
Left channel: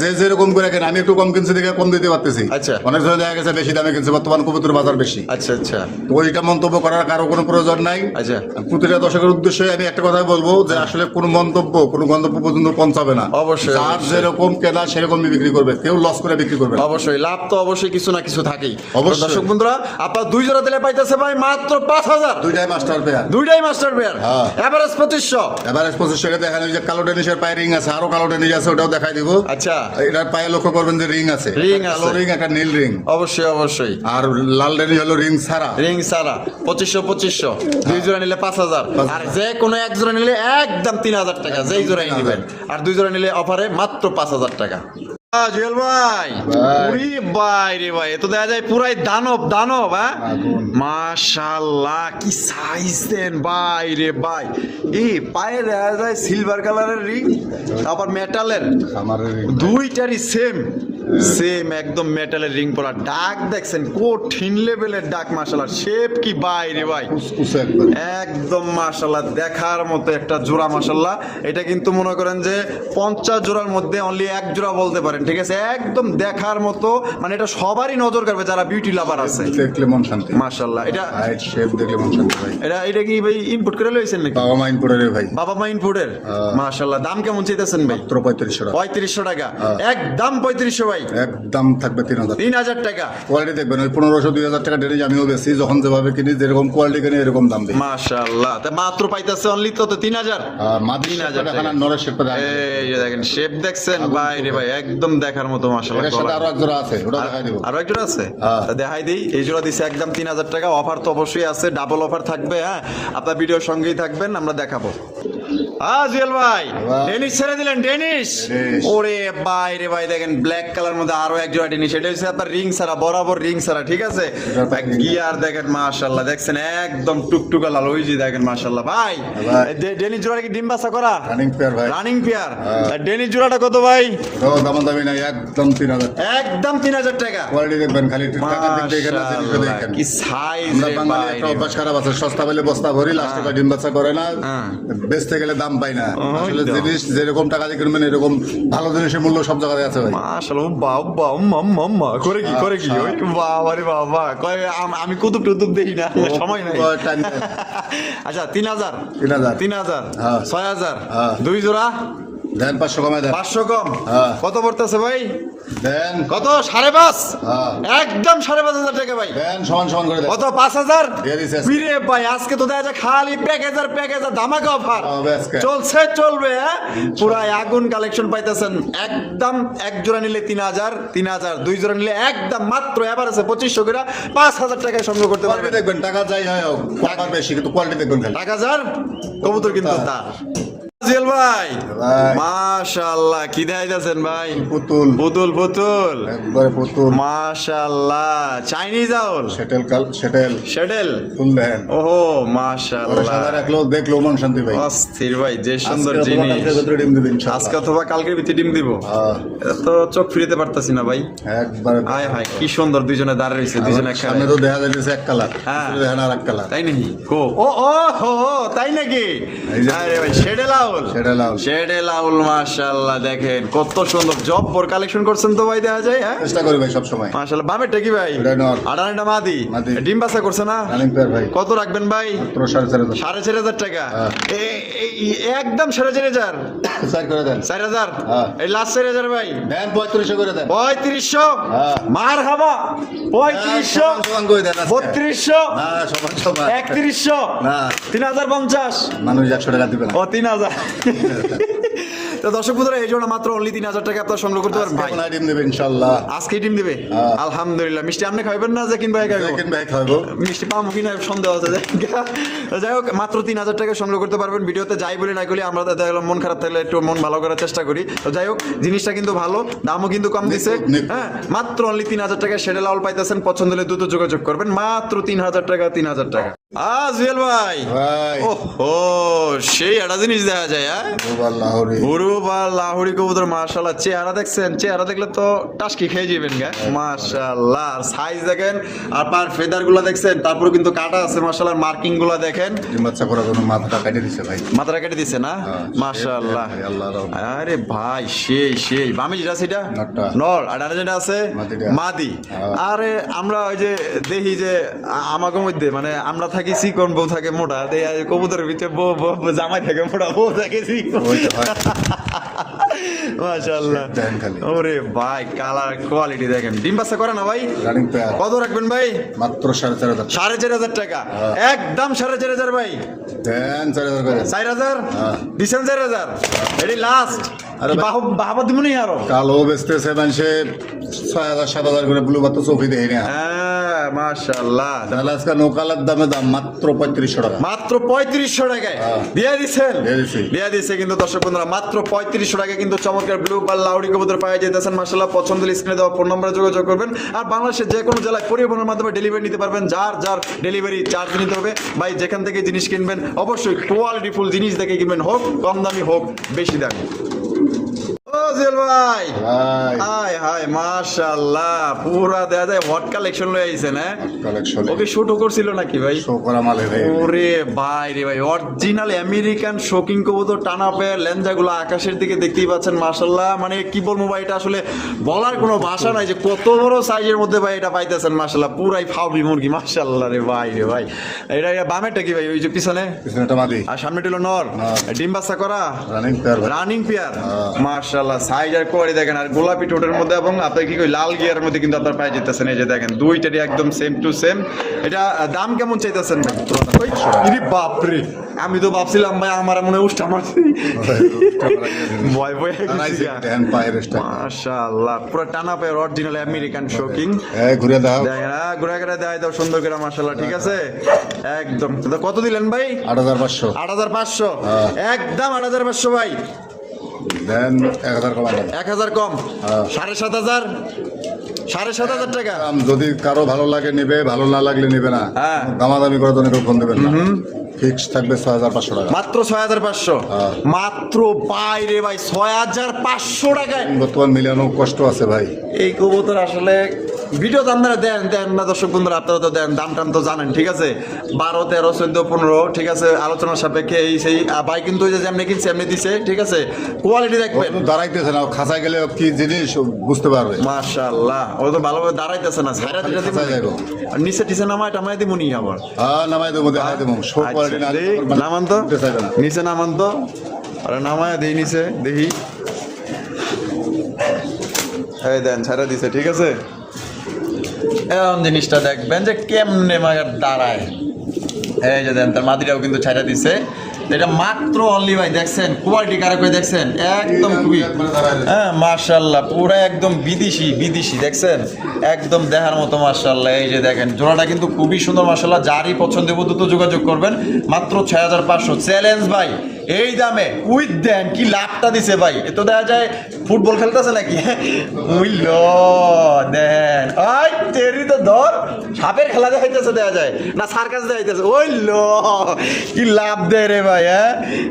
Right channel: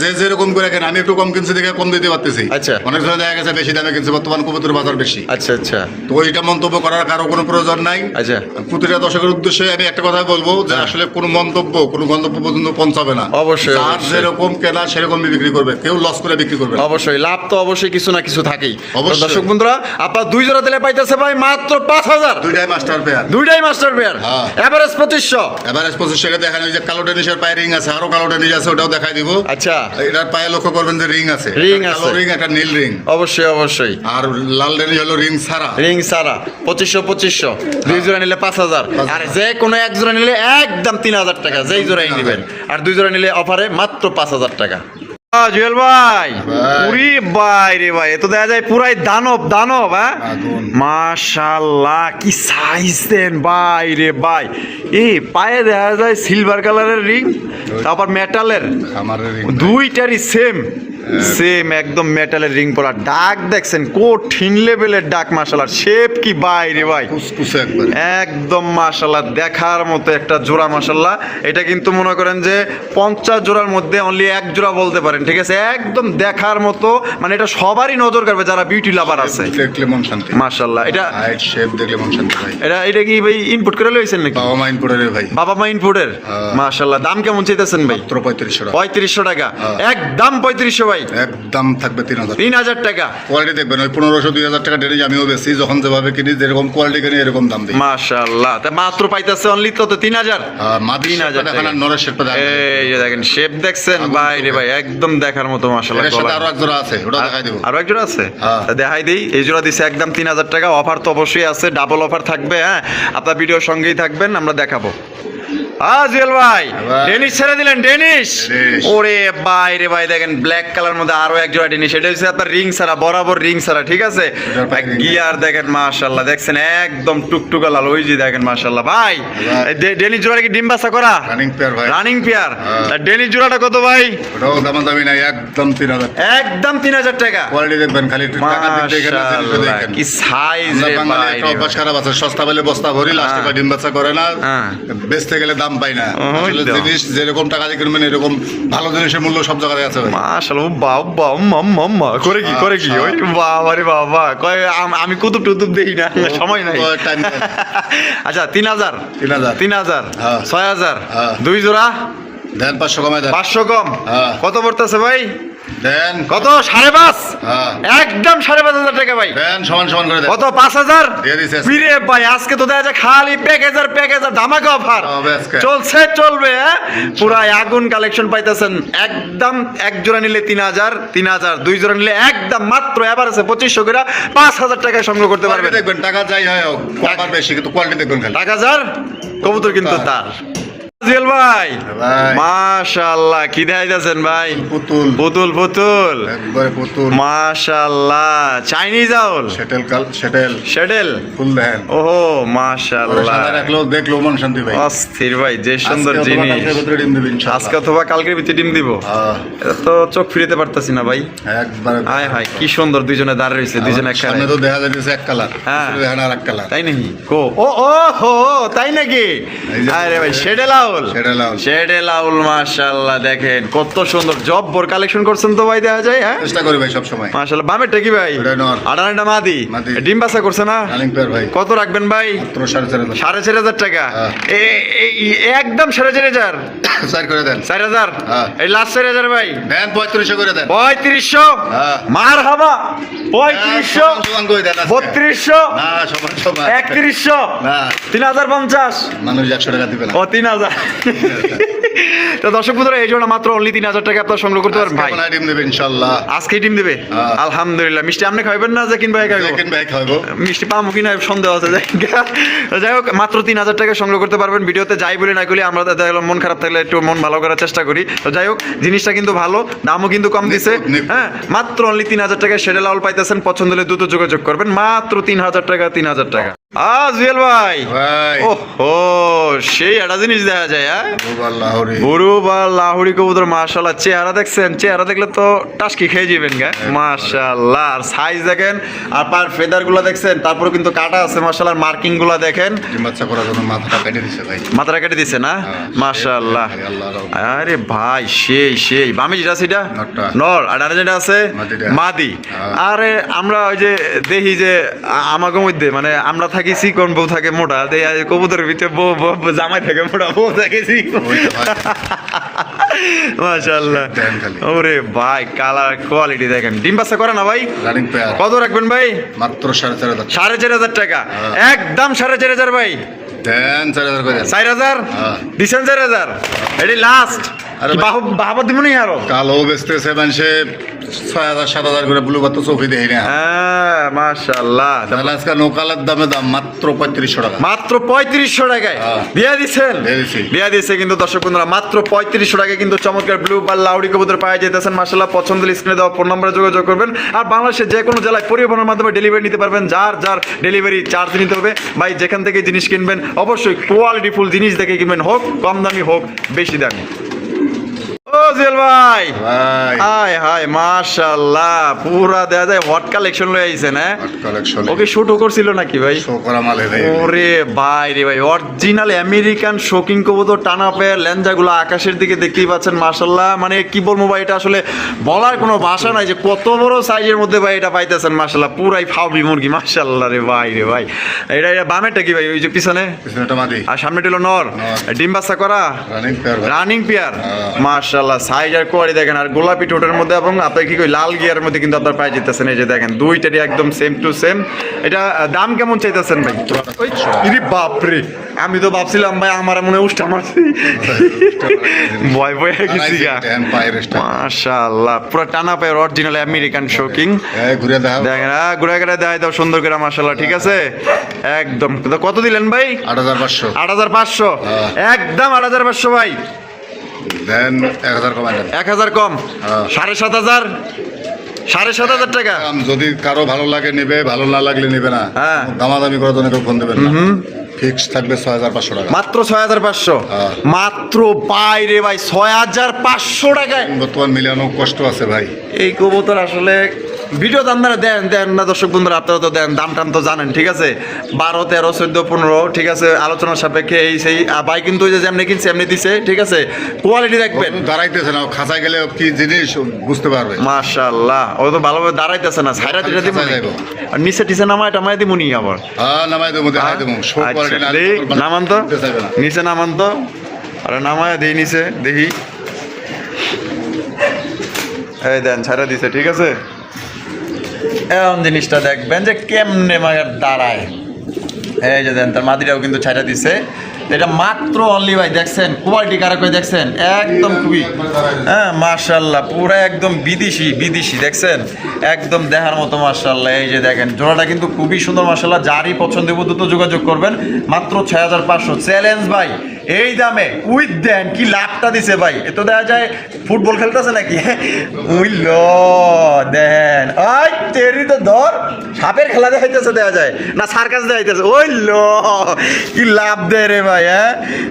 যে যেরকম করে কেন, আমি একটু কম কিনছি দেখে কম দিতে পারতেছি। আচ্ছা। অনেক সময় দেখা গেছে বেশি দামে কিনছি, বর্তমান কবুতর বাজার বেশি। আচ্ছা আচ্ছা তো ওইটা মন্তব্য করার কারো কোনো প্রয়োজন নাই। আচ্ছা। প্রতিটা দর্শকের উদ্দেশ্যে আমি একটা কথা বলবো যে আসলে কোনো মন্তব্য কোনো গন্তব্য পর্যন্ত পৌঁছাবে না। অবশ্যই, যার অবশ্যই। যেরকম কেনা সেরকমই বিক্রি করবে, কেউ লস করে বিক্রি করবে না। অবশ্যই, লাভ তো অবশ্যই কিছু না কিছু থাকেই। অবশ্যই। তো দর্শক বন্ধুরা, আপনার দুই জোড়া দিলে পাইতেছে ভাই মাত্র 5000। দুইটাই মাস্টার পেয়ার। দুইটাই মাস্টার পেয়ার, হ্যাঁ। এভারেজ 2500। এবার 2500 দেখান, ওই যে কালো টেনিসের পায়ে রিং আছে, আরো কালো টেনিস আছে, ওটাও দেখাই দিব। আচ্ছা, এটার পায়ে লক্ষ্য করবেন যে রিং আছে, রিং একটা কালো আছে। রিং একটা নীল রিং, অবশ্যই অবশ্যই। আর লাল টেনিস হলো রিং ছাড়া। রিং সারা 2500 দুই জোড়া নিলে 5000, আর যে কোনো এক জোড়া নিলে একদম 3000 টাকা, যেই জোড়াই নেবেন। আর দুই জোড়া নিলে অফারে মাত্র 5000 টাকা। জুয়েল ভাই, পুরি ভাই রে ভাই, এ তো দেখা যায় পুরাই দানব দানব। হ্যাঁ আগুন। মাশাআল্লাহ, কি সাইজ দেন ভাই রে ভাই। এই পায়ে দেখা যায় সিলভার কালারের রিং, তারপর মেটালের, খামারের রিং। দুইটারই সেম সেম একদম মেটালের রিং পরা। ডাক দেখছেন কঠিন লেভেলের ডাক। মাশাআল্লাহ, শেপ কি ভাই রে ভাই, কুসকুসে একবার। একদম মাশাআল্লাহ দেখার মতো একটা জোড়া। মাশাআল্লাহ, এটা কিন্তু মনে করেন যে 50 জোড়ার মধ্যে অনলি এক জোড়া বলতে পারেন। ঠিক আছে, একদম দেখার মতো, মানে এটা সবারই নজর কাড়বে যারা বিউটি লাভার আছে। দেখলে মন শান্তি। মাশাআল্লাহ, এটা হাইট শেপ দেখলে মন শান্তি ভাই। এটা কি ভাই ইনপুট করে লইছেন নাকি? বাবা মাইন করে রে ভাই। বাবা মা ইনপুটের। মাশাআল্লাহ, দাম কেমন চাইতেছেন ভাই? মাত্র 3500 টাকা। 3500 টাকা, একদম 3500 ভাই। একদম থাকবে 3000। 3000 টাকা। কোয়ালিটি দেখবেন, ওই 1500 2000 টাকা ডেনিশ আমিও বেশি, যখন যেভাবে কিনি যেরকম কোয়ালিটি কিনি এরকম দাম দিই। মাশাআল্লাহ, তা মাত্র পাইতেছে অনলি তো 3000। মাদি 3000 শেপটা দেখান আর নরের শেপটা দেখান। এই যে দেখেন শেপ দেখছেন ভাই রে ভাই, একদম দেখার মতো। মাশাআল্লাহ, এর সাথে আরো এক জোড়া আছে, ওটা দেখাই দিব। আরো এক জোড়া আছে, হ্যাঁ। তা দেখাই দেই। এই জোড়া দিছে একদম 3000 টাকা। অফার তো অবশ্যই আছে, ডাবল অফার থাকবে। হ্যাঁ, আপনার ভিডিওর সঙ্গেই থাকবেন, আমরা দেখাবো। জুয়েল ভাই, ভাই। ডেনিশ ছেড়ে দিলেন। Danish, Danish. ওরে ভাই রে ভাই, দেখেন ব্ল্যাক কালার মধ্যে আরো এক জোড়া ডেনিশ। এটা হচ্ছে আপনার রিং ছাড়া, বরাবর রিং ছাড়া। ঠিক আছে, এটার পায়ে ring গিয়ার দেখেন মাশাআল্লাহ, দেখছেন একদম টুকটুকা লাল। ওই যে দেখেন মাশাআল্লাহ ভাই, এই ডেনিশ জোড়া কি ডিম বাচ্চা করা? রানিং পেয়ার ভাই। Running pair. ডেনিশ জোড়াটা কত ভাই? ওটাও দামাদামি নাই, একদম 3000। একদম 3000 টাকা। কোয়ালিটি দেখবেন, খালি একটু টাকা দিক দেখেন না, জিনিসটা মাশাআল্লাহ, দেখেন। কি সাইজ আমরা রে বাঙালি ভাই একটা রে অভ্যাস ভাই। খারাপ আছে, সস্তা পেলে বস্তা ভরি, লাস্টে হ্যাঁ। ডিম বাচ্চা করে না, হ্যাঁ। বেচতে গেলে দাম পাই না। ওই আসলে তো। জিনিস যেরকম টাকা দিয়ে কিনবেন এরকম ভালো জিনিসের মূল্য সব জায়গায় আছে ভাই। মাশাআল্লাহ, বাবা মাম্মা করে কি করে কি, ওই বাবা রে বাবা, কয় আমি কুতুব টুতুব দেখি না, সময় নাই। টাইম নেই। আচ্ছা, 3000 3000 3000 হ্যাঁ। 6000 হ্যাঁ। দুই জোড়া দেন 500 কমায় দেন। 500 কম। হ্যাঁ। কত পড়তেছে ভাই? দেন কত? 5.5। হ্যাঁ। একদম 5.5 টাকা ভাই। দেন সমান সমান করে দেন। কত? 5000 দিয়ে দিছে আজকে। ফিরে ভাই, আজকে তো দেখা যায় খালি প্যাকেজার ধামাকা অফার হবে আজকে। চলছে, চলবে। হ্যাঁ, পুরাই আগুন কালেকশন পাইতেছেন। একদম এক জোড়া নিলে 3000, দুই জোড়া নিলে একদম মাত্র এভারেজে 2500 করে 5000 টাকায় সংগ্রহ করতে কোয়ালিটি পারবেন। দেখবেন, টাকা যাই হয় হোক, আবার বেশি কিন্তু কোয়ালিটি দেখবেন খালি। 1000 কবুতর কিন্তু তার। জুয়েল ভাই ভাই। মাশাআল্লাহ কি দেখাইতেছেন ভাই? পুতুল পুতুল পুতুল একবারে পুতুল মাশাআল্লাহ চাইনিজ আউল সেটেল শেডেল ফুল দেখেন ওহো ওরা মাশাআল্লাহ সাদা রাখলেও দেখলো মন শান্তি ভাই অস্থির ভাই যে সুন্দর আজকে অথবা জিনিস কালকের ভিতরে ডিম দিবে ইনশাআল্লাহ। আজকে অথবা কালকের ভিতরে ডিম দিব এটা তো চোখ ফিরিতে পারতাছি না ভাই একবারে হায় হায় কি সুন্দর দুইজনে দাঁড়িয়ে রয়েছে দুইজনে সামনে একসাথে তো দেখা যাচ্ছে এক কালার হ্যাঁ। দেখেন আর এক কালার তাই নাকি ও ও ও হো তাই নাকি এই যে- আরে ভাই শেডে লাউল সেটেল আউল শেডে লাউল মাশাআল্লাহ দেখেন কত সুন্দর জব্বর কালেকশন করছেন তো ভাই দেখা যায় হ্যাঁ চেষ্টা করি ভাই সব সময় মাশাআল্লাহ বামেরটা কি ভাই ওটা নর। আড়াটা মাদি মাদি। ডিম বাসা করছে না রানিং পেয়ার ভাই কত রাখবেন ভাই? মাত্র 4.5 4,500 টাকা হ্যাঁ। একদম 4,500 চার করে দেন 4,000 হ্যাঁ। এই লাস্ট 4,000 ভাই দেন 3500 করে দেন 3500 হ্যাঁ। মার হাবা 3500 সমান করে দেন আজকে। 3200 না সমান সমান 3100 না 3050 মানুষ 100 টাকা দিবে না ও 3000 তো দর্শক বন্ধুরা এই জন্য মাত্র অনলি 3,000 টাকা আপনারা সংগ্রহ করতে পারবেন ভাই কেমন আইটেম দেবে ইনশাআল্লাহ আজকেই টিম দিবে হ্যাঁ। আলহামদুলিল্লাহ মিষ্টি আপনি খাইবেন না যে কিনবে খাইবো সেকেন্ড ভাই খাবো মিষ্টি পাবো কিনা সন্দেহ আছে যাই হোক মাত্র 3,000 টাকা সংগ্রহ করতে পারবেন ভিডিওতে যাই বলি না করি আমরা দেখলাম মন খারাপ থাকলে একটু মন ভালো করার চেষ্টা করি তো যাই হোক জিনিসটা কিন্তু ভালো দামও কিন্তু কম দিছে নিখুঁত। হ্যাঁ মাত্র অনলি 3,000 টাকায় শেডে লাউল পাইতেছেন পছন্দ হলে দ্রুত যোগাযোগ করবেন মাত্র 3,000 টাকা 3,000 টাকা জুয়েল ভাই ভাই ওহো সেই একটা জিনিস দেখা যায় হ্যাঁ গোবাল লাহোরি গরু বা লাহুড়ি কবুতর মাশাআল্লাহ চেহারা দেখছেন চেহারা দেখলে তো টাসকি খেয়ে যাবেন গা মাশাআল্লাহ আর সাইজ দেখেন আর পার ফেদার গুলো দেখছেন তারপর কিন্তু কাটা আছে মাশাআল্লাহ মার্কিং গুলো দেখেন বাচ্চা করার জন্য মাথাটা কেটে দিছে ভাই মাথাটা কেটে দিছে না হ্যাঁ, মাশাআল্লাহ আল্লাহর রহমতে। আরে ভাই সেই বামে যেটা সেটা নরটা। নর আর আরে যেটা আছে মাদিটা। মাদি হ্যাঁ। আরে আমরা ওই যে দেখি যে আমাকে মধ্যে মানে আমরা থাকি চিকন বউ থাকে মোটা দেখি আর কবুতরের ভিতরে বউ জামাই থাকে মোটা বউ থাকে চিকন ওই তো ভাই। মাশাআল্লাহ দেখেন খালি। ওরে ভাই কালার কোয়ালিটি দেখেন ডিম বাচ্চা করে না ভাই রানিং পেয়ার কত রাখবেন ভাই? মাত্র 4.5 4,500 টাকা একদম 4,500 ভাই দেন 4,000 করে দেন 4,000 হ্যাঁ। দিছেন 4,000 এটি লাস্ট আরে ভাই। বাবা দিব নি আরো কালো বেচতেছে মানুষে 6,000 7,000 করে ব্লু বাতো চোখে দেখি না হ্যাঁ মাশাআল্লাহ তাহলে আজকে নৌকালার দামে দাম মাত্র 3500 টাকা মাত্র 3500 টাকায় হ্যাঁ। দিয়া দিচ্ছেন দিয়ে দিছি। দিয়া দিচ্ছে কিন্তু দর্শক বন্ধুরা মাত্র 3500 টাকায় কিন্তু চমৎকার ব্লু বা লাউডি কবুতর পাওয়া যেতেছেন মাশাআল্লাহ পছন্দ হলে স্ক্রিনে দেওয়া ফোন নম্বরে যোগাযোগ করবেন আর বাংলাদেশের যে কোনো জেলায় পরিবহনের মাধ্যমে ডেলিভারি নিতে পারবেন যার ডেলিভারি চার্জ নিতে হবে ভাই যেখান থেকে জিনিস কিনবেন অবশ্যই কোয়ালিটি ফুল জিনিস দেখে কিনবেন হোক কম দামি হোক বেশি দামি ও জেল ভাই ভাই হাই হাই মাশাআল্লাহ পুরা দেখা যায় হট কালেকশন লয়ে আইছেন হ্যাঁ কালেকশন ওকে শুটও করছিল নাকি ভাই শো করা মালে ভাই ওরে ভাই রে ভাই অরিজিনাল আমেরিকান শোকিং কবুতর টানা পেয়ে লেঞ্জাগুলো আকাশের দিকে দেখতেই পাচ্ছেন মাশাআল্লাহ মানে কি বলবো ভাই এটা আসলে বলার কোনো ভাষা নাই যে কত বড় সাইজের মধ্যে ভাই এটা পাইতেছেন মাশাআল্লাহ পুরাই ফাউবি মুরগি মাশাআল্লাহ রে ভাই এটা বামেরটা কি ভাই ওই যে পিছনে পিছনেটা মাদি আর সামনে টিলো নর ডিম বাচ্চা করা রানিং পেয়ার ভাই রানিং পেয়ার হ্যাঁ। মাশাআল্লাহ সাইজ আর কোয়ালিটি দেখেন আর গোলাপি টোটের মধ্যে এবং আপনি কি কই লাল গিয়ার মধ্যে কিন্তু আপনার পাই যেতেছেন এই যে দেখেন দুইটারই একদম সেম টু সেম এটা দাম কেমন চাইতেছেন ভাই ওই ইরে বাপ রে আমি তো ভাবছিলাম ভাই আমার মনে হয় উষ্টা মারছি ভয় ভয় গেছি গা দেন পায়ের স্টার মাশাআল্লাহ পুরো টানা পায়ের অরিজিনাল আমেরিকান শোকিং এই ঘুরে দাও দেখেন ঘুরে ঘুরে দেখাই দাও সুন্দর করে মাশাআল্লাহ ঠিক আছে একদম তো কত দিলেন ভাই 8,500 8,500 হ্যাঁ। একদম 8,500 ভাই দেন 1,000 কমাই দেন 1,000 কম হ্যাঁ। 7,500 7,500 টাকা যদি কারো ভালো লাগে নেবে ভালো না লাগলে নেবে না হ্যাঁ। দামাদামি করার জন্য কেউ ফোন দেবেন না ফিক্স থাকবে 6,500 টাকা মাত্র 6,500 হ্যাঁ। মাত্র বাইরে ভাই 6,500 টাকায় বর্তমান মিলানো কষ্ট আছে ভাই এই কবুতর আসলে ভিডিও দাম না দেন না দর্শক বন্ধুরা আপনারা তো দেন দাম টাম তো জানেন ঠিক আছে 12 13 14 15 ঠিক আছে আলোচনার সাপেক্ষে এই সেই ভাই কিন্তু ওই যে যেমনি কিনছে এমনি দিছে ঠিক আছে কোয়ালিটি দেখবেন দাঁড়াইতেছে না খাঁচায় গেলে কি জিনিস বুঝতে পারবে মাশাআল্লাহ ও তো ভালোভাবে দাঁড়াইতেছে না ছাইরা দিলে দিব খাঁচায় যাইবো। আর নিচে টিসে নামায় টামায় দিমুনি আবার হ্যাঁ নামাই দেবো দেখাই দেবো শো কোয়ালিটি না আচ্ছা, নামান তো নিচে নামান তো আরে নামায় দেই নিচে দেখি এই দেন ছাড়া দিছে ঠিক আছে এমন জিনিসটা দেখবেন যে কেমনে মাগার দাঁড়ায় এই যে দেন তার মাদিরাও কিন্তু ছাড়া দিছে এটা মাত্র অনলি ভাই দেখছেন কোয়ালিটি কারা করে দেখছেন একদম খুবই হ্যাঁ মাশাআল্লাহ পুরো একদম বিদেশি দেখছেন একদম দেখার মতো মাশাআল্লাহ এই যে দেখেন জোড়াটা কিন্তু খুবই সুন্দর মাশাআল্লাহ যারই পছন্দ হবে দ্রুত যোগাযোগ করবেন মাত্র 6,500 চ্যালেঞ্জ ভাই এই দামে উইথ দেন কি লাভটা দিছে ভাই, এ তো দেখা যায় ফুটবল খেলতেছে নাকি। উইল দেন ওই তেরি তো ধর সাপের খেলা দেখাইতেছে দেখা যায় না সার্কাস দেখাইতেছে। ওই লো কি লাভ দেয় রে ভাই,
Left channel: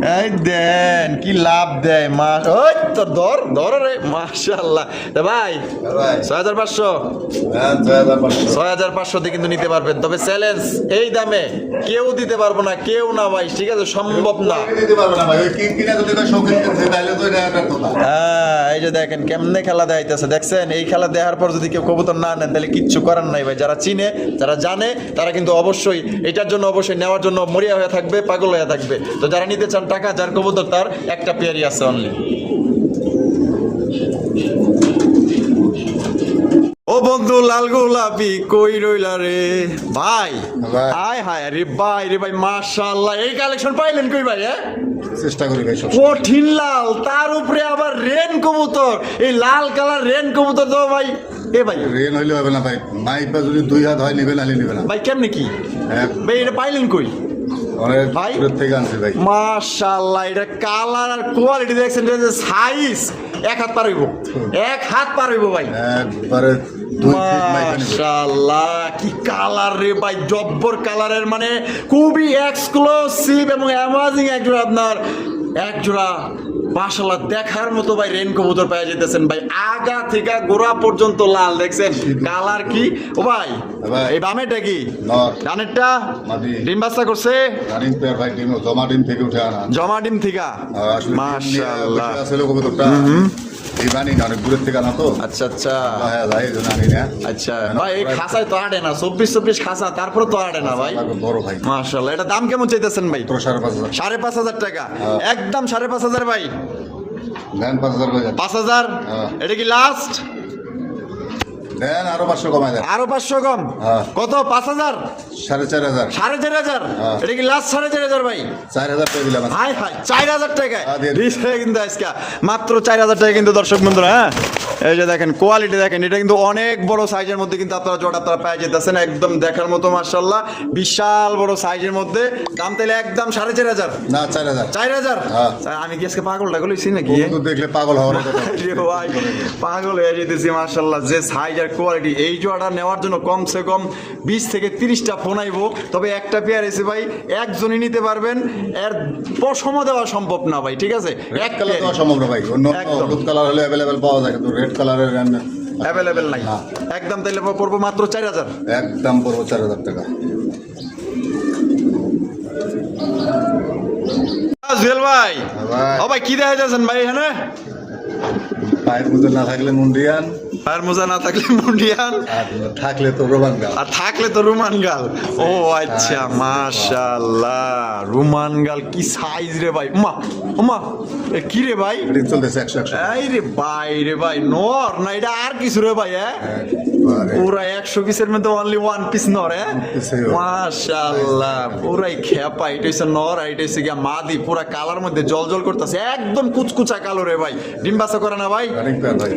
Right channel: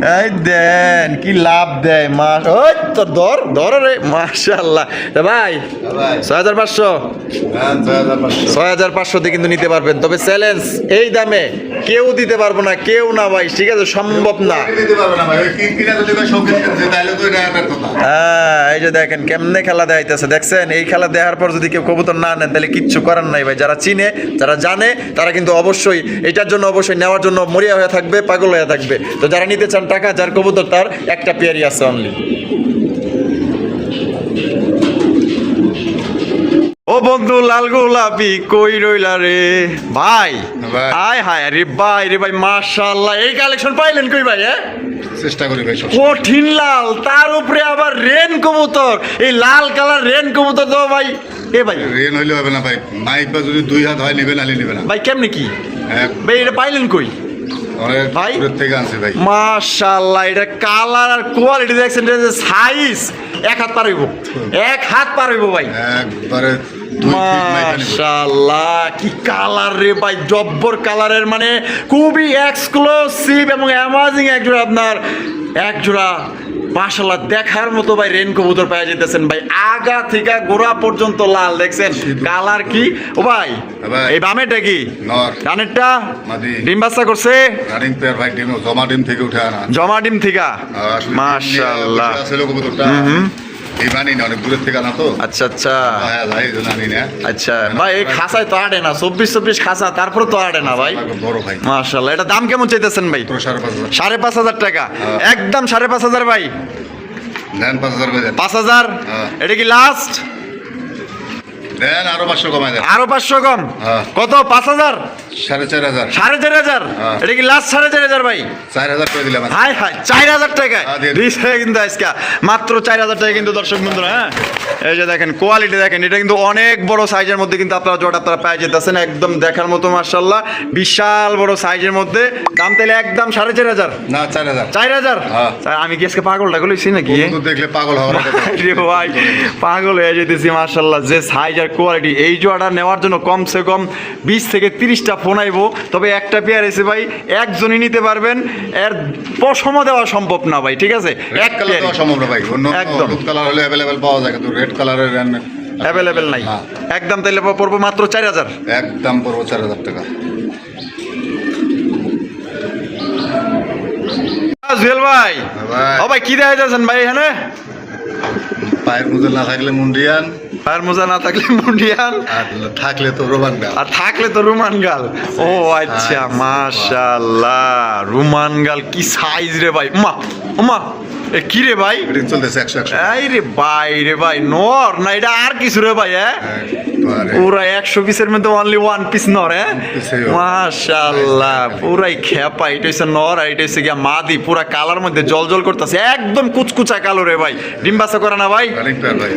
হ্যাঁ দেন কি লাভ দেয় মাস। ওই তোর ধর ধর রে মাশাআল্লাহ ভাই 6500 6500 দিয়ে কিন্তু নিতে পারবেন, তবে চ্যালেঞ্জ এই দামে কেউ দিতে পারবো না, কেউ না ভাই, ঠিক আছে সম্ভব না। হ্যাঁ এই যে দেখেন কেমনে খেলা দেখাইতেছে দেখছেন, এই খেলা দেখার পর যদি কেউ কবুতর না নেন তাহলে কিচ্ছু করার নাই ভাই। যারা চিনে যারা জানে তারা কিন্তু অবশ্যই এটার জন্য অবশ্যই নেওয়ার জন্য মরিয়া হয়ে থাকবে, পাগল হয়ে থাকবে। তো যারা নিতে চান টাকা যার কবুতর তার একটা পেয়ারই আছে অনলি। ও বন্ধু লাল গোলাপি কই রইলা রে ভাই, আয় হায় রে ভাই রে ভাই মাশাআল্লাহ, এই কালেকশন পাইলেন কই ভাই? চেষ্টা করি ভাই কঠিন লাল, তার উপরে আবার রেন কবুতর, এই লাল কালার রেন কবুতর তো ভাই এ ভাই রেন হইলে হবে না ভাই, মাইক বা যদি 2 হাত হয় নিবে নালে নিবে না ভাই। কেমনে কি ভাই এটা পাইলেন কই অনেক ভাই? দূর থেকে আনছি ভাই মাশাআল্লাহ, এটা কালার আর কোয়ালিটি দেখছেন, এটা সাইজ এক হাত পার হইব, এক হাত পার হইব ভাই একবারে 2 ফিট মাইক নিবে। মাশাআল্লাহ কি কালার রে ভাই, জব্বর কালারের, মানে খুবই এক্সক্লুসিভ এবং অ্যামাজিং একজোড়া আপনার একজোড়া মাশাআল্লাহ দেখার মতো ভাই রেন কবুতর পেয়ে যেতেছেন ভাই, আগা থেকে গোড়া পর্যন্ত লাল দেখছেন কালার কি। ও ভাই এই বামেটা কি নর, ডানেরটা মাদি, ডিম বাচ্চা করছে রানিং পেয়ার ভাই, ডিম জমা ডিম থেকে উঠে আনা, জমা ডিম থেকে মাশাআল্লাহ। আসলে কবুতরটা এই বানি না অনেক দূরের থেকে আনা তো। আচ্ছা আচ্ছা হ্যাঁ ভাই জানি না। আচ্ছা ভাই এই খাসায় তো আড়ে না, 24 খাসা তারপরে তো আড়ে না ভাই বড় ভাই মাশাআল্লাহ। এটা দাম কেমন চাইতেছেন ভাই? 5,500 5,500 টাকা, একদম 5,500 ভাই। দেন 5,000 করে দেন। 5,000 এটা কি লাস্ট? দেন আরো 500 কমাই দেন। আরো 500 কম কত? 5,000 4,500 4,500 হ্যাঁ। এটা কি লাস্ট 4,500 ভাই? 4,000 করে দিলাম। হাই হাই 4,000 টাকা দিছে কিন্তু আজকে মাত্র 4,000 টাকা কিন্তু দর্শক বন্ধুরা। হ্যাঁ এই যে দেখেন কোয়ালিটি দেখেন, এটা কিন্তু অনেক বড় সাইজের মধ্যে কিন্তু আপনারা জোড়া আপনারা পেয়ে যেতেছেন, একদম দেখার মতো মাশাআল্লাহ বিশাল বড় সাইজের মধ্যে। দাম তাহলে একদম 4,500 না 4,000 4,000 হ্যাঁ। আমি কি আজকে পাগলটা গলেছি নাকি? বন্ধু দেখলে পাগল হওয়ার কথা। রে ভাই পাগল হয়ে যেতেছি মাশাআল্লাহ, যে সাইজ আর কোয়ালিটি। এই জোড়াটা নেওয়ার জন্য কমসে কম 20 থেকে 30টা ফোন আইবো, তবে একটা পেয়ার এসে ভাই একজনই নিতে পারবেন, এর পশমও দেওয়া সম্ভব না ভাই, ঠিক আছে? রেড কালার দেওয়া সম্ভব না ভাই, অন্য একদম। হলুদ কালার হলে অ্যাভেলেবেল পাওয়া যায়, কিন্তু রেড কালারের অ্যাভেলেবেল নাই। না। একদম তাইলে পড়বো মাত্র 4,000। একদম পড়বো 4,000 টাকা। জুয়েল ভাই ভাই ও ভাই কি দেখা যাচ্ছেন ভাই এখানে? পায়ের মোজা না থাকলে মুন্ডিয়ান, পায়ের মোজা না থাকলে মুন্ডিয়ান, আর থাকলে তো রোমান গাল। আর থাকলে তো রুমান গাল। ও আচ্ছা মাশাআল্লাহ, রুমান গাল কি সাইজ রে ভাই, মা মা এ কি রে ভাই? রিং চলতেছে 100 এই রে ভাই নর না এটা আর কিছু রে ভাই? পুরা 100 পিসের মধ্যে অনলি 1 পিস নর। মাশাআল্লাহ পুরাই খেপা, এটা হচ্ছে নর আর এটা হচ্ছে গিয়া মাদি, পুরা কালার মধ্যে জল জল করতেছে, একদম কুচকুচা কালো রে ভাই। ডিম বাচ্চা করে না ভাই?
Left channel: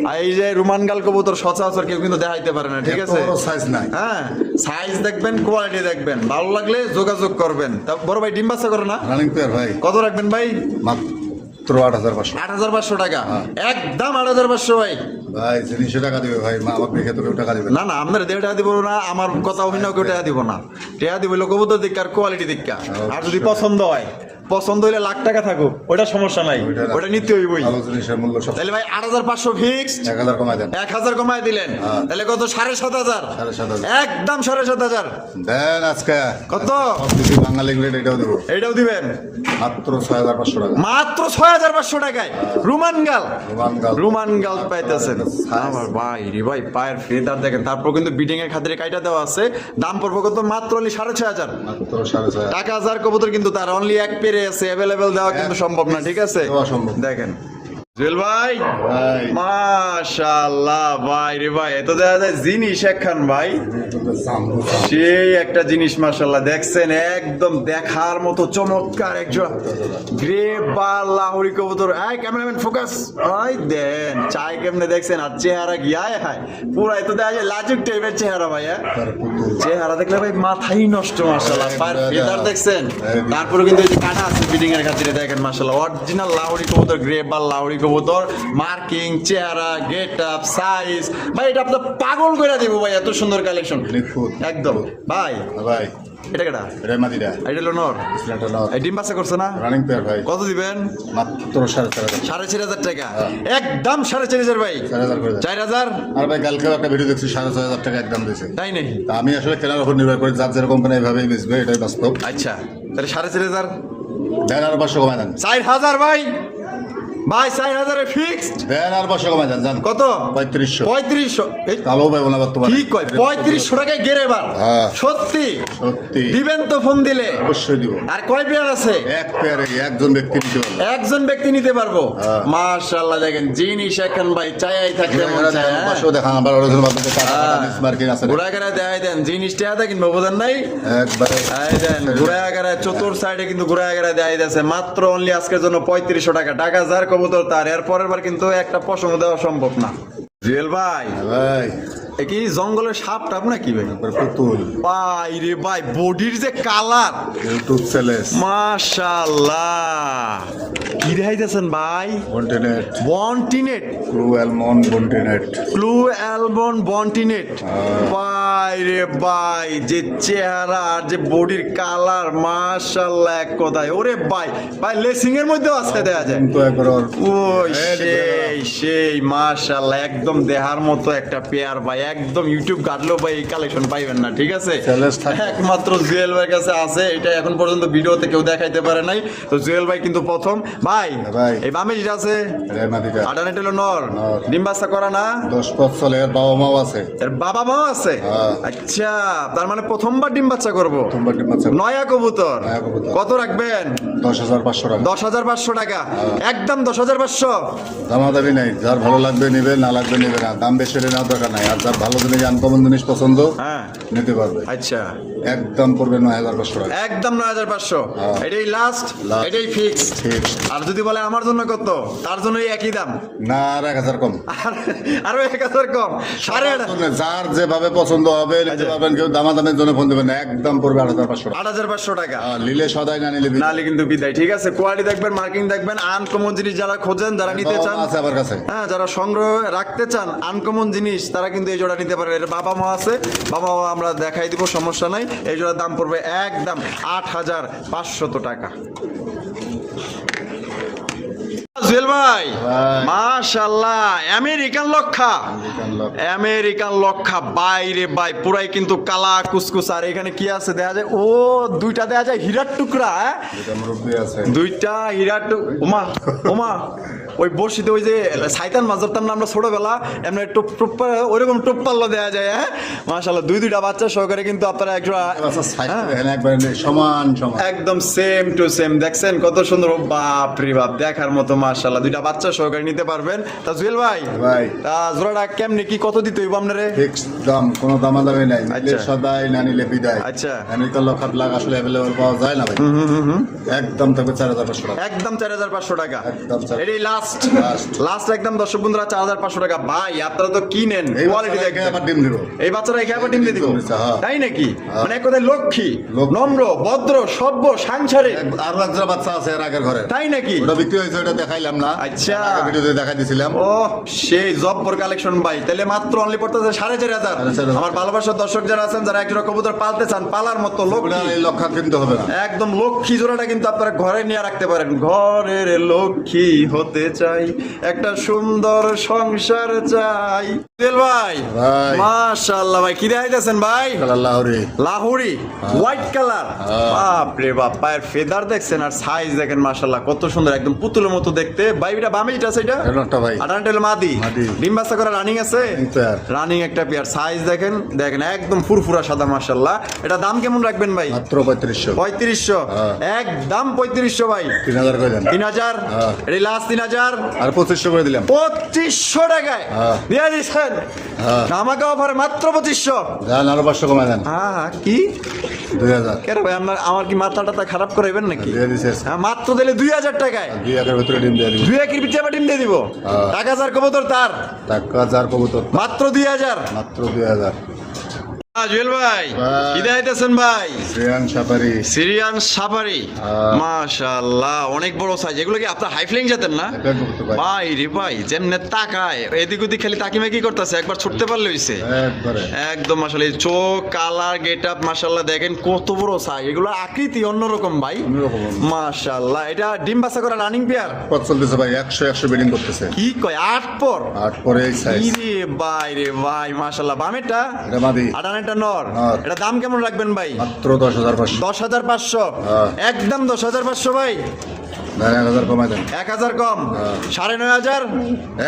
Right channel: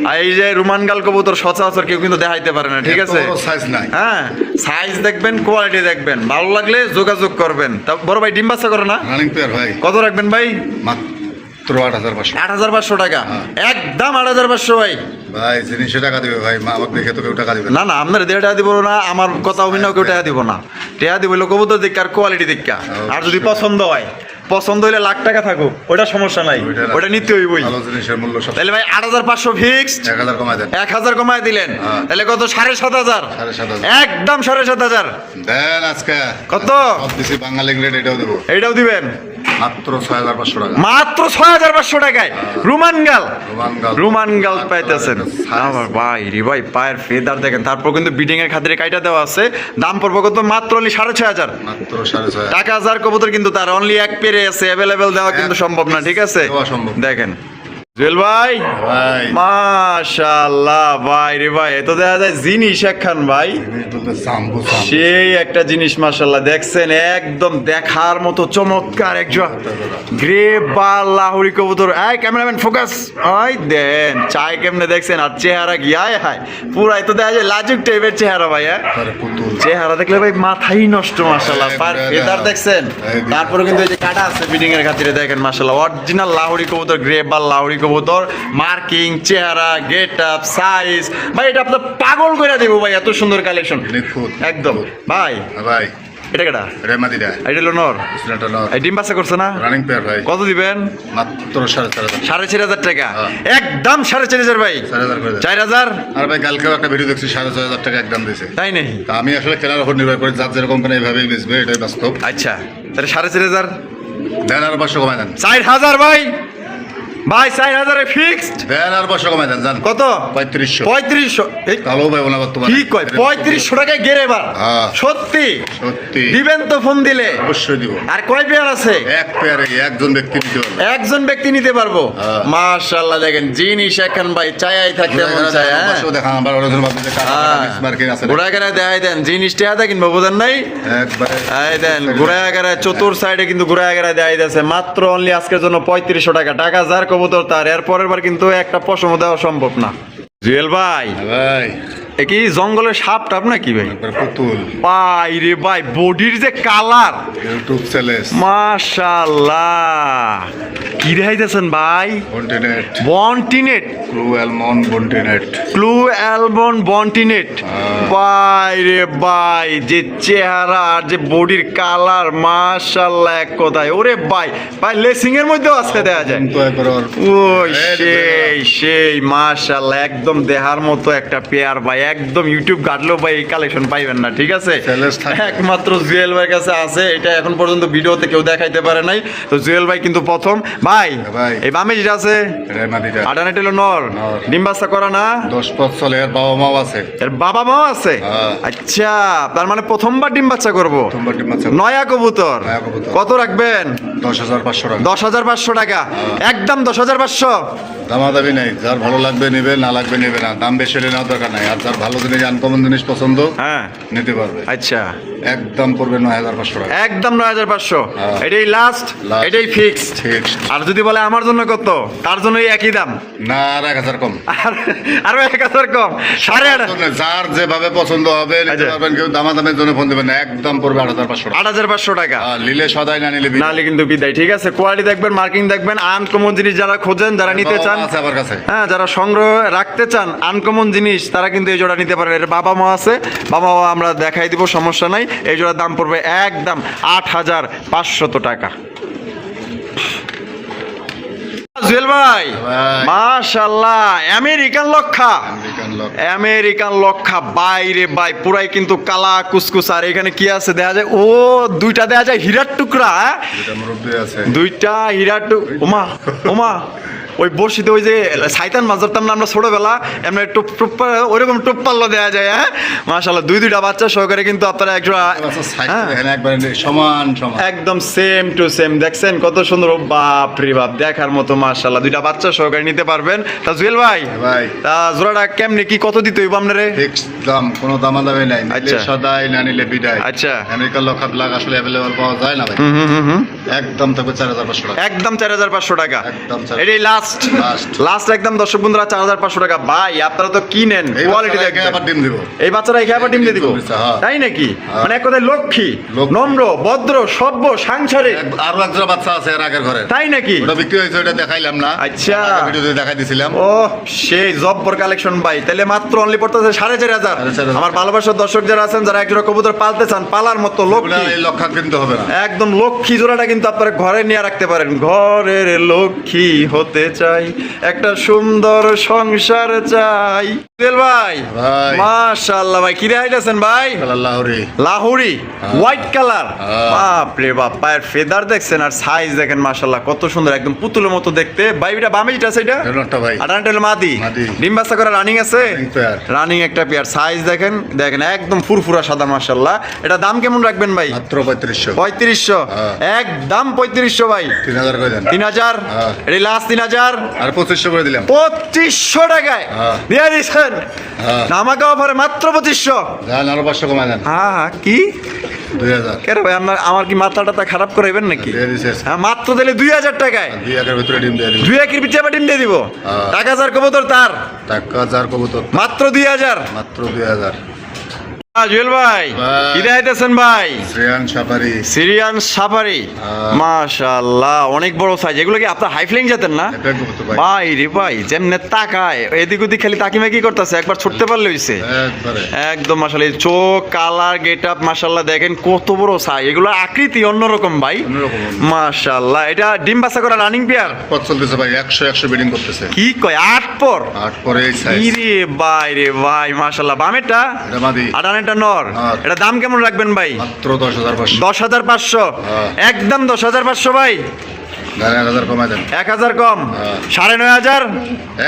আর এই যে রুমান গাল কবুতর সচরাচর কেউ কিন্তু দেখাইতে পারে না, ঠিক আছে? সাইজ নাই। হ্যাঁ সাইজ দেখবেন, কোয়ালিটি দেখবেন, ভালো লাগলে যোগাযোগ করবেন। তা বড় ভাই ডিম বাচ্চা করে না? রানিং পেয়ার ভাই। কত রাখবেন ভাই? মাত্র 8,500। 8,500 টাকা, একদম 8,500 ভাই। ভাই জিনিসে টাকা দিবে ভাই, মা আমাকে দেখে তো কেউ টাকা দিবে না না আপনার 1.5 টাকা দিব না, আমার কথা অভিনয় কেউ টাকা দিব না। টাকা দিব হলো কবুতর দিক আর কোয়ালিটি দিক, আর যদি পছন্দ হয়, পছন্দ হইলে লাখ টাকা থাকুক ওটা সমস্যা নাই, ওটা নিতে হইবই। ভালো জিনিসের মূল্য সব। তাহলে ভাই 8,500 ফিক্সড, 1,000 কমাই দেন। 1,000 কমায় দিলেন, তাহলে কত? 7,500। 7,500 একদম 7,500 দেন। আজকে কত? বেশি বাঙালি গ্রেড এটাও দেবো, এইটাও দিবেন মাত্র 6,500 টাকা। মাত্র 6,500 টাকায় রুমান গাল। রুমান গাল পাইতেছেন আমার ভাই রে ভাই, পায়ের ফেদার দেখেন, তারপর কিন্তু বিডিং এর খাতিরে কাইটা দেওয়া আছে। দাম পড়বে কত? মাত্র অনলি 6,500 মাত্র 6,500 টাকা। 1,000 কবুতর কিন্তু তার অনলি এক পেরে আছে, অ্যাভেলেবেল দেওয়া কিন্তু সম্ভব না, ঠিক আছে? দেওয়া সম্ভব। দেখেন জুয়েল ভাই ভাই মাশাআল্লাহ ভাই রে ভাই এত দেখা যায় জিনিস একখান ভাই সাম্বু সেই একটা জিনিস মাশাআল্লাহ দেখছেন একদম দেখার মতো চমৎকার একজন গ্রে বা লাহোরি কবুতর এই ক্যামেরাম্যান ফোকাস ওই দেন চাই কেমনে দেখছেন আর চেহারা কি আয় হায় পুরাই তো দেখা যায় লাজুক টাইপের চেহারা ভাই হ্যাঁ পুতুল চেহারা দেখলে ভাই মাথাই নষ্ট মাশাআল্লাহ ফেদার দেখছেন তারপরে কিন্তু এই যে কাটা আছে বিডিং এর খাতিরে দেখেন মাশাআল্লাহ অরিজিনাল লাহোরি কবুতর গ্রে বা লাহোরি কবুতর মার্কিং চেহারা গেট আপ সাইজ ভাই এটা আপনার পাগল করে দেব ভাই এত সুন্দর কালেকশন একদম ভাই ভাই এটা কেটা রেমাদিরা এটা হলো নর ইসলাটা নর এই ডিম বাচ্চা করছে না রানিং পেয়ার ভাই কত দিবেন মাত্র 4.5 4,500 টাকা হ্যাঁ। একদম 4,500 ভাই 4,000 করে দেন। 4,000 আর ভাই কালকেও একটা ভিডিও দেখছি 6,500 টাকা একদম দিয়েছে তাই নাকি তা আমি আসলে কেনার উপর নির্ভর করে যার যেরকম কেনা এইভাবেই বেচবে এটাই বাস্তব আচ্ছা তাহলে 4,500 দেন আর 500 কমাই দেন 4,000 ভাই ভাই 4,000 এ ফিক্সড দেন আর 500 কমাই দেন জান কত 3500 3500 এই কালো ভাই ওনা বর্তমানে কি কয় 3500 টাকায় গেরে এবার হ্যাঁ। সত্যি সত্যি দিবেন তো ফোন দিলে অবশ্যই দিব আর কয় পেয়ার আছে এক পেয়ারে একজন ব্যক্তি নিতে পারবে একজন ব্যক্তি নিতে পারবো হ্যাঁ। মাশাআল্লাহ দেখেন জিনিস এখন ভাই চাই থাকতে মন চায় হ্যাঁ? পাঁচশো দেখা আমার ওরকম মাধ্যমে মার্কিং আছে ঘোড়াগাড়া দেখাই দেন জিনিসটা দেখেন বোঝেন নাই একবারে এই দেন ঘোড়াগাড়া চতুর সাইডে কিন্তু ঘোড়াগাড়া দেখাই যাচ্ছে মাত্র অনলি আজকের জন্য 3500 টাকা টাকা যার কবুতর তার এর পরের বার কিন্তু একটা পশম দেওয়া সম্ভব না জুয়েল ভাই ভাই এ কি জঙ্গলের সাপ টাপ নাকি ভাই একবার পুতুল ভাই রে ভাই বডির যে কালার ইউটিউব চ্যানেল মাশাআল্লাহ কি দেখাইতেছেন ভাই বন্টিনেট বন্টিনেট ক্রু অ্যালমন্ড বন্টিনেট ক্লু অ্যালবন বন্টিনেট হ্যাঁ। ভাই রে ভাই যে চেহারা আর যে বডির কালার মাশাআল্লাহ এক কথায় ওরে ভাই ভাই লেসিং এর মধ্যেও আজকে দেখা যায় তো একবার ওর ওই এই যে সেই মাশাআল্লাহ একদম দেহার মতো একটা পেয়ার ভাই একদম ইউটিউব ঘাটলেও ভাই এই কালেকশন পাইবেন না ঠিক আছে Challenge থাকবে। একমাত্র জুয়েল ভাইয়ের কাছে আছে এটা এখন পর্যন্ত ভিডিওতে কেউ দেখাইতে পারে নাই তো জুয়েল ভাই কিন্তু প্রথম ভাই ভাই। এই বামে যেটা আছে রেমাদিরা আডানেট হলো নর নর। ডিম বাচ্চা করা না 10 পথ চলে এর বাবা মাও আছে এর বাবা মাও আছে হ্যাঁ। আচ্ছা তার মানে প্রথমবার ডিম বাচ্চা করবো তোমার টিম আছে নয়া কবুতর নয়া কবুতর। কত রাখবেন 10,500 টাকা 10,500 টাকা একদম 10,500 দামাদামি নাই যার ভালো লাগবে নেবে না লাগবে নেবে না দাম বেশি হলে নেওয়ার দরকার নাই আর যার ভালো জিনিস আনকমন জিনিস পছন্দ হ্যাঁ নিতে পারবে আচ্ছা একদম পড়বে 9,500 টাকা একদম 9,500 হ্যাঁ। এটাই লাস্ট Last। এটাই ফিক্সড ঠিক আর যদি বলে আমার জন্য কত তার জন্য একই দাম না আর 1,000 কম আরো 1,000 কম 8,500 যার যেভাবে পছন্দ হবে নিতে আচ্ছা। পারবেন কেউ দামাদামের জন্য ফোন দেবেন না একদম পড়বে 8,500 টাকা 8,500 টাকা আর নিলে সদাই না নিলে বিদায়। নালে কিন্তু বিদায় ঠিক আছে কোয়ালিটি দেখবেন মার্কিং দেখবেন আনকমন জিনিস যারা খোঁজেন যারা নিতে চান আছে আমার কাছে হ্যাঁ যারা সংগ্রহ রাখতে চান আনকমন জিনিস তারা কিন্তু এই জোড়া নিতে পারেন এর বাবা মা আছে বাবা মা আমরা দেখাই দিব সমস্যা নাই এই জোড়ার দাম পড়বে একদম 8,500 টাকা জুয়েল ভাই ভাই। মাশাআল্লাহ আমেরিকান লক্ষা আমেরিকান লক আমেরিকান লক্ষা বাইরে বাই পুরাই কিন্তু কালা কুসকুস আর এখানে কি আছে দেখা যায় ও দুইটা দেখা যায় হীরার টুকরা হ্যাঁ? যেটা মুরব্বী আছে দুইটা হীরার ওমা ওমা ওই বসিতে ওই যে সাইতান মাছ ধরতাম না আমরা ছোটবেলা এমনি টুপ টুপ ওইরকম টুপ পাল্লা দেওয়া যায় হ্যাঁ মাশাআল্লাহ দুইটা বাচ্চা সহকারে কিন্তু আপনারা একজোড়া আচ্ছা সাইড হ্যাঁ। এখানে একবারে সমান সমান একদম সেম টু সেম দেখছেন কত সুন্দর বাপ রে বাপ দেখার মতো মাশাআল্লাহ দুইটা বাচ্চা সহকারে নিতে পারবেন তা জুয়েল ভাই ভাই তা জোড়াটা কেমনে কি কত দিতে হইব আপনারে ফিক্স দাম কোনো দামাদামি নাই নিলে আচ্ছা। সদাই না নিলে বিদায় আচ্ছা। আমেরিকান লক ব্লাক আসলে অ্যাভেলেবল পাওয়া যায় না ভাই একদম তবে 4,500 টাকা একদম 4,500 টাকা একদম 4,500 এটাই লাস্ট Last। লাস্ট একদম দর্শক বন্ধুরা 4,500 টাকা ভাই আপনারা তো কিনেন এই কোয়ালিটি বাচ্চাটাকে দেখবেন আবার ডিম দিব এই বাচ্চারা এখানে আবার ডিম দিয়ে দিব ডিম দিচ্ছে, হ্যাঁ। তাই নাকি হ্যাঁ। মানে এক কথায় লক্ষ্মী লক্ষ্মী। নম্র ভদ্র সভ্য সাংসারিক আরো একজোড়া বাচ্চা আছে এর আগের ঘরে তাই নাকি ওটা বিক্রি হয়েছে ওটা দেখাইলাম না আচ্ছা। ভিডিওতে দেখাই দিছিলাম ও সেই জব্বর কালেকশন ভাই তাহলে মাত্র অনলি পড়তেছে 4,500 4,500 আমার ভালোবাসার দর্শক যারা আছেন যারা একজোড়া কবুতর পালতে চান পালার মতো ওটা লক্ষ্মী এই লক্ষা কিনতে হবে না একদম লক্ষ্মী জোড়াটা কিন্তু আপনারা ঘরে নিয়ে রাখতে পারেন ঘরের লক্ষ্মী হতে চাই একটা সুন্দর সংসার চাই জুয়েল ভাই ভাই। মাশাআল্লাহ ভাই কি দেখাইতেছেন ভাই? লাহোরি লাহোরি হোয়াইট কালার, হ্যাঁ। বাপ রে বাপ, পায়ের ফেদার দেখছেন আর সাইজ দেখেন মাশাআল্লাহ কত সুন্দর, একদম পুতুলের মতো দেখতে। ভাই এটা বামে যেটা আছে এটা একটা ভাই আটানটা হলো মাদি, মাদি। ডিম বাচ্চা করা রানিং আছে, Running pair। রানিং একটা পেয়ার, সাইজ দেখেন দেখেন একদম ফুরফুরা সাদা মাশাআল্লাহ। এটা দাম কেমন রাখবেন ভাই? মাত্র 3500 3500, হ্যাঁ। একদম 3500 ভাই। 3000 করে দেন 3000, হ্যাঁ। এটা লাস্ট 3000, আর 2500 করে দিলাম 2500 টাকায় হ্যাঁ। দিয়ে দিচ্ছেন। হ্যাঁ। আমাকে অফারে মাত্র 2500। যান আরো 500 কমায় দেন হ্যাঁ কি 2000 কেন ভাই আমার কি মাথাটা খারাপ করাইবেন নাকি? দিয়ে দিছে হ্যাঁ, মাত্র দিলে 2000 টাকায় 2 একের ভিতরে ডিম দিয়ে দিন 2 একের পিছে আবার ডিম দিয়ে দিব। হ্যাঁ। 1000 কবুতর তার টাকা যার কবুতর মাত্র 2000। মাত্র 2000 জুয়েল ভাই ভাই। কি দেখাইতেছেন ভাই? শ্রেয়ান সাফারি সিরিয়ান সাফারি, মাশাআল্লাহ অনেক বড় সাইজ। এগুলো কি আপনার হাই ফ্লাইং জাতেন না? এটা কবুতর ভাই ভাই রে ভাই, যেমনে তাকায় এদিক ওদিক খালি তাকিমে কি করতেছে, একবার ছুটতে পারলে হইছে। একবারে একদম মাশাআল্লাহ, চোখ কালার গেট আপ মাশাআল্লাহ দেখেন কত বড় সাইজ। এগুলোর আকৃতি অন্যরকম ভাই, অন্যরকম। মাশাআল্লাহ। এটা ডিম বাচ্চা করা রানিং পেয়ার, পথ চলতেছে ভাই 100 বিডিং করতেছে কি কয় 8 পর? 8 পরে এই সাইজ ইরে ভাই রে ভাই মাশাআল্লাহ। বামেরটা এটা মাদি আটানেরটা নর, হ্যাঁ। এটা দাম কেমন রাখবেন ভাই? মাত্র 10500 10,500, হ্যাঁ। একদম 10,500 ভাই। দেন 1000 কমায় দেন 1000 কম, হ্যাঁ। 9,500।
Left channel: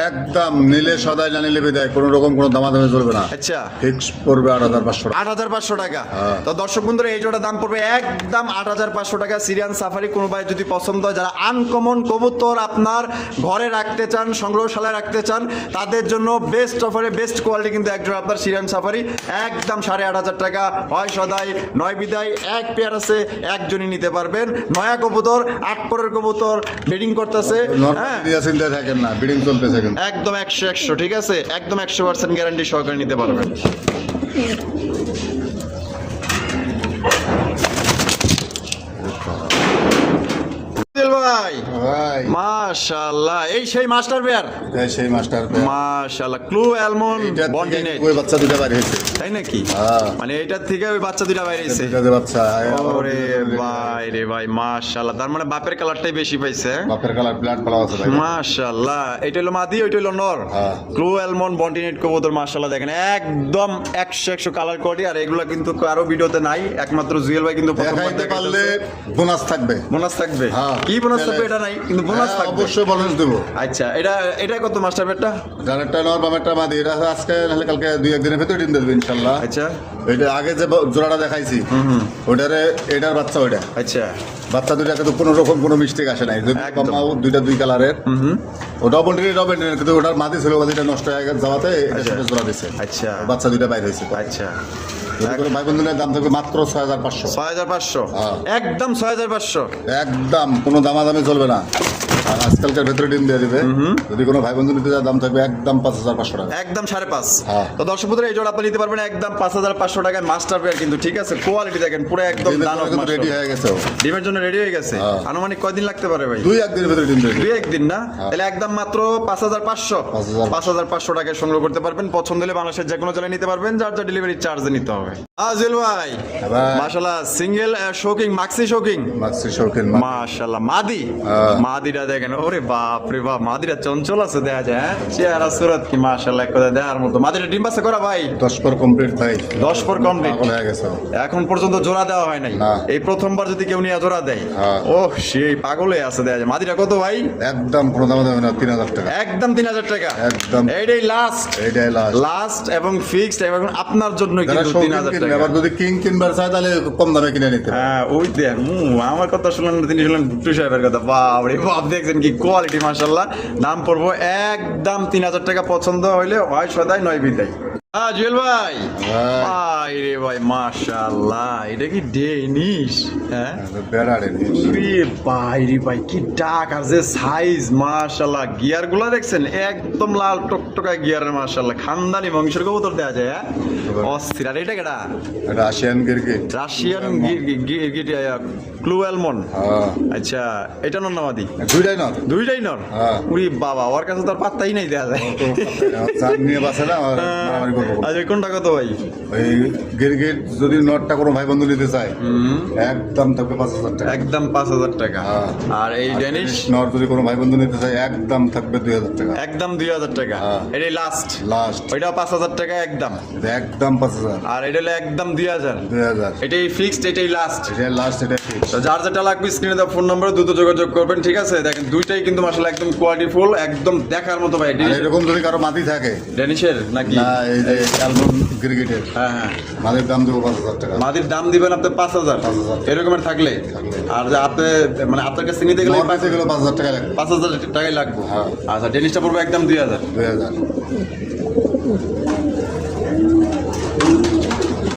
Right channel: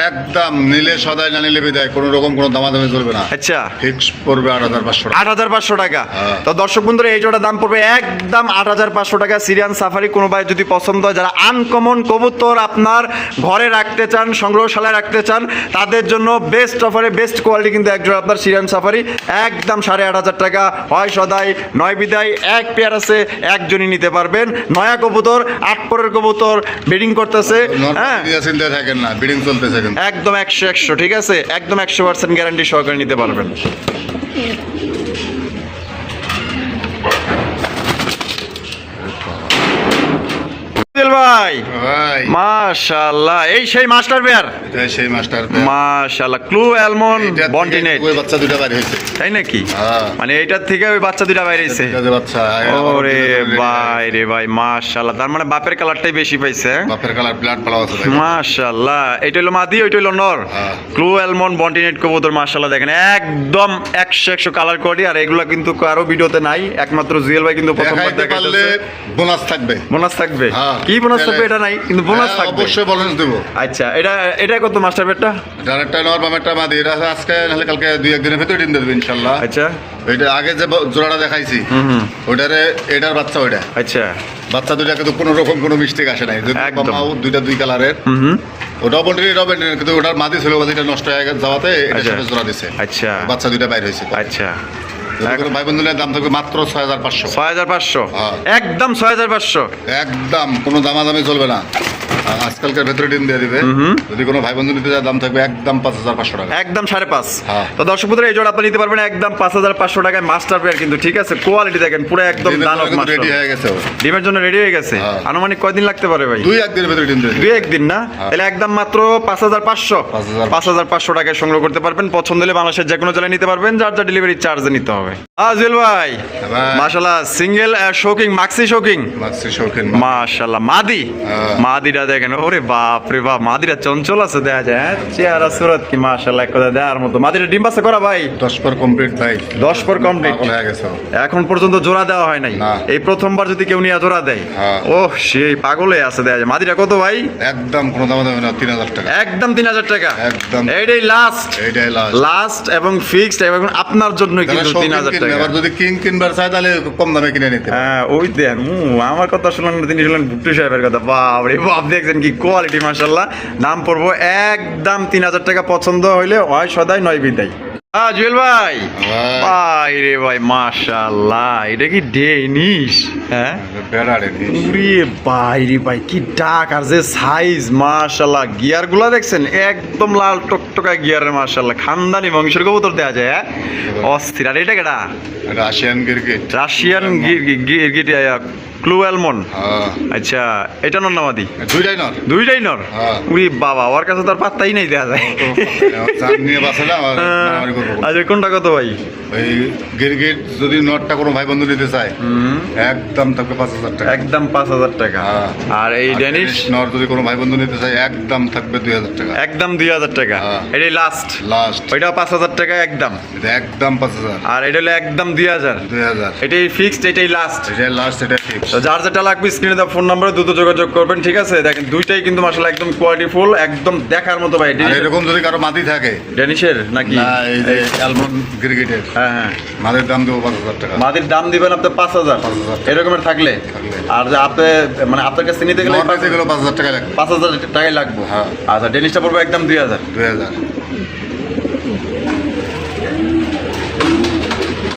একদম নিলে সদাই না নিলে বিদায় কোনো রকম কোনো দামাদামি চলবে না আচ্ছা ফিক্স পড়বে 8500 8,500 টাকা। হ্যাঁ। তো দর্শক বন্ধুরা এই জোড়া দাম পড়বে একদম 8,500 টাকা। সিরিয়ান সাফারি কোনো ভাই যদি পছন্দ হয়, যারা আনকমন কবুতর আপনার ঘরে রাখতে চান, সংগ্রহশালায় রাখতে চান, তাদের জন্য বেস্ট অফারে বেস্ট কোয়ালিটি কিন্তু এক জোড়া আপনার সিরিয়ান সাফারি একদম 8,500 টাকা। হয় সদাই নয় বিদায়, এক পেয়ার আছে, একজনই নিতে পারবেন। নয়া কবুতর 8 পরের কবুতর ব্রিডিং করতেছে, হ্যাঁ চিন্তা থাকেন না বিডিং চলতেছে কিন্তু একদম 100 ঠিক আছে, একদম 100% গ্যারান্টি সহকারে নিতে পারবেন। ভাই ভাই মাশাআল্লাহ, এই সেই মাস্টার পেয়ার, এটা সেই মাস্টার মাশাআল্লাহ, ক্লু অ্যালমন্ড বন্টিনেট, ওই বাচ্চা দুটো বাইরে হয়েছে তাই নাকি? হ্যাঁ। মানে এইটার থেকে ওই বাচ্চা দুটা বাইরেছে। দুটো যে বাচ্চা আবার ওরে দুটো ready ভাই রে ভাই মাশাআল্লাহ, তার মানে বাপের কালারটাই বেশি পাইছে। হ্যাঁ? বাপের কালার ব্লাড পালা আছে ভাই মাশাআল্লাহ, এটা হলো মাদি, ওইটা হলো নর। হ্যাঁ। ক্লু অ্যালমন্ড বন্টিনেট কবুতর মাশাআল্লাহ দেখেন একদম 100 কালার কোয়ালিটি। আর এগুলো কিন্তু কারো ভিডিওতে নাই, একমাত্র জুয়েল ভাই কিন্তু দেখাইতে পারলে বোনাস থাকবে বোনাস থাকবে। হ্যাঁ। কি বোনাস তাহলে- থাকবে এটা নাই, কিন্তু বোনাস হ্যাঁ, থাকবে অবশ্যই বোনাস দেবো আচ্ছা এটা কত মাস্টার পেয়ারটা? ডাইরেক্টটা নেওয়ার বামেরটা মাদি এটা আজকে নাহলে কালকে 2-1 দিনের ভিতরে ডিম দেবে ইনশাল্লাহ আচ্ছা এটা আগে যে জোড়াটা দেখাইছি ওটারে এটার বাচ্চা ওইটা আচ্ছা বাচ্চা দুইটা কিন্তু কোনো রকম কোনো মিস্টেক আসে নাই যদি একদম। মাও দুইটা দুই কালারের ওটাও বলটি কিন্তু ওটার মাদি ছিল মাদিটা নষ্ট হয়ে গেছে যাওয়াতে এটা আচ্ছা। সাথে জোড়া দিছে আচ্ছা বাচ্চা দুইটা বাইর হয়েছে আচ্ছা যদি কোনো ভাই বন্ধুদের দাম থাকবে মাত্র 6500 6,500, হ্যাঁ। একদম 6,500। একদম কোনো দামাদামি চলবে না আর আজকালকার ভেতরে ডিম দিয়ে দিবে যদি কোনো ভাই বন্ধু নিতে যায় দাম থাকবে একদম 5500 টাকা একদম 5.5। হ্যাঁ। তো দর্শক বন্ধুরা এই জোড়া আপনি নিতে পারবেন একদম 5,500 টাকায় মাস্টার পেয়ার কিন্তু, ঠিক আছে? কোয়ালিটি দেখেন পুরো একদম ডিমের দানব জন্য কিন্তু রেডি মাস্টার। হয়ে গেছে ও। ডিমের জন্য রেডি হয়ে গেছে। হ্যাঁ। আনুমানিক কয়দিন লাগতে পারে ভাই? 2-1 দিনের ভেতরে ডিম দিয়ে দিবে 2-1 দিন না? তাহলে একদম মাত্র 5,500 5,500 টাকায় সংগ্রহ করতে পারবেন। পছন্দ হলে বাংলাদেশের যে কোনো জেলায় নিতে পারবেন, যার যা ডেলিভারি চার্জে নিতে হবে। আজিল ভাই ভাই। মাশাআল্লাহ, single shocking Maksi shocking Maksi শৌখিন মাশাআল্লাহ, মাদি হ্যাঁ। মাদিটা দেখেন, ওরে বাপ রে বাপ, মাদিটা চঞ্চল আছে দেখা যায়। হ্যাঁ? চেহারা সুরত কি মাশাআল্লাহ এক কথা দেওয়ার মতো। মাদিটা ডিম বাচ্চা করা ভাই 10 পর কমপ্লিট ভাই 10 পর কমপ্লিট, পাগল হয়ে গেছে ও। এখন পর্যন্ত জোড়া দেওয়া হয় নাই। না। এই প্রথমবার যদি কেউ নিয়ে জোড়া দেয়, হ্যাঁ। ওহ সেই পাগলে আছে দেখা যায়। মাদিটা কত ভাই? একদম কোনো দামাদামি না 3000 টাকা একদম 3,000 টাকা, একদম। এইটাই লাস্ট এইটাই লাস্ট লাস্ট এবং ফিক্সড, এবং আপনার জন্য কিন্তু 3,000 টাকা। আবার যদি কিং কিনবার চায় তাহলে কম দামে কিনে নিতে পারে। হ্যাঁ ওই দেখ আমার কথা শুনলেন না, তিনি শুনলেন ভুট্টু সাহেবের কথা। বাপ রে বাপ, দেখছেন কি কোয়ালিটি মাশাআল্লাহ। দাম পড়বো একদম 3,000 টাকা। পছন্দ হইলে হয় সদাই নয় বিদায়। জুয়েল ভাই ভাই। ভাই রে ভাই মাশাআল্লাহ, এটা কি ডেনিশ? হ্যাঁ বেড়াড়ে নি। উরে ভাই রে ভাই, কি ডাক আর যে সাইজ মাশাআল্লাহ। গিয়ার গুলা দেখছেন একদম লাল টকটকা গিয়ারের মাশাআল্লাহ। খানদানি বংশের কবুতর দেয়া যায়। হ্যাঁ? অস্থির। আর এটা কেডা? রাশিয়ান গিরগিট রাশিয়ান গিরগিট ব্লু অ্যালমন্ড। হ্যাঁ আচ্ছা, এটা নর নামাদি? দুইটাই না দুইটাই নর? হ্যাঁ। উরি বাবা, ওর কাছে তার পাত্তাই নাই দেখা যায়। চাঁদ নিয়ে বাসে না মারামারি করবো। আচ্ছা, কোনটা কত ভাই? ওই গিরগিট যদি নটটা কোনো ভাই বন্ধু নিতে চায় একদম থাকবে 5,000 টাকা। একদম 5,000 টাকা। হ্যাঁ। আর এই ড্যানিশ? নট যদি কোনো ভাই বন্ধু নিতে চায় একদম থাকবে 2,000 টাকা। একদম 2,000 টাকা। হ্যাঁ। এটাই লাস্ট? লাস্ট। ওইটা 5,000 টাকা একদম? এটা একদম 5,000। আর এটা হলো একদম 2,000? 2,000। এটাই ফিক্সড, এটাই লাস্ট? এটা লাস্ট, এটা ঠিক। তো যার যেটা লাগবে স্ক্রিনে দেওয়া ফোন নাম্বারে দ্রুত যোগাযোগ করবেন, ঠিক আছে? দেখেন দুইটাই কিন্তু মাশাআল্লাহ একদম কোয়ালিটি ফুল, একদম দেখার মতো ভাই। আর এরকম যদি কারো মাটি থাকে, ড্যানিশের নাকি? না এই যে অ্যালমন্ড গিরগিটের, হ্যাঁ হ্যাঁ, মাটির দাম দেবো 5,000 টাকা। মাদির দাম দিবেন আপনি 5,000? 5,000 এরকমের থাকলে? আর যে আপনি মানে আপনার কাছে নিতে গেলে নট নিতে গেলে 5,000 টাকা লাগবে। 5,000 টাকাই লাগবে। হ্যাঁ। আচ্ছা, ডেনিশটা পড়বে একদম 2,000? 2,000।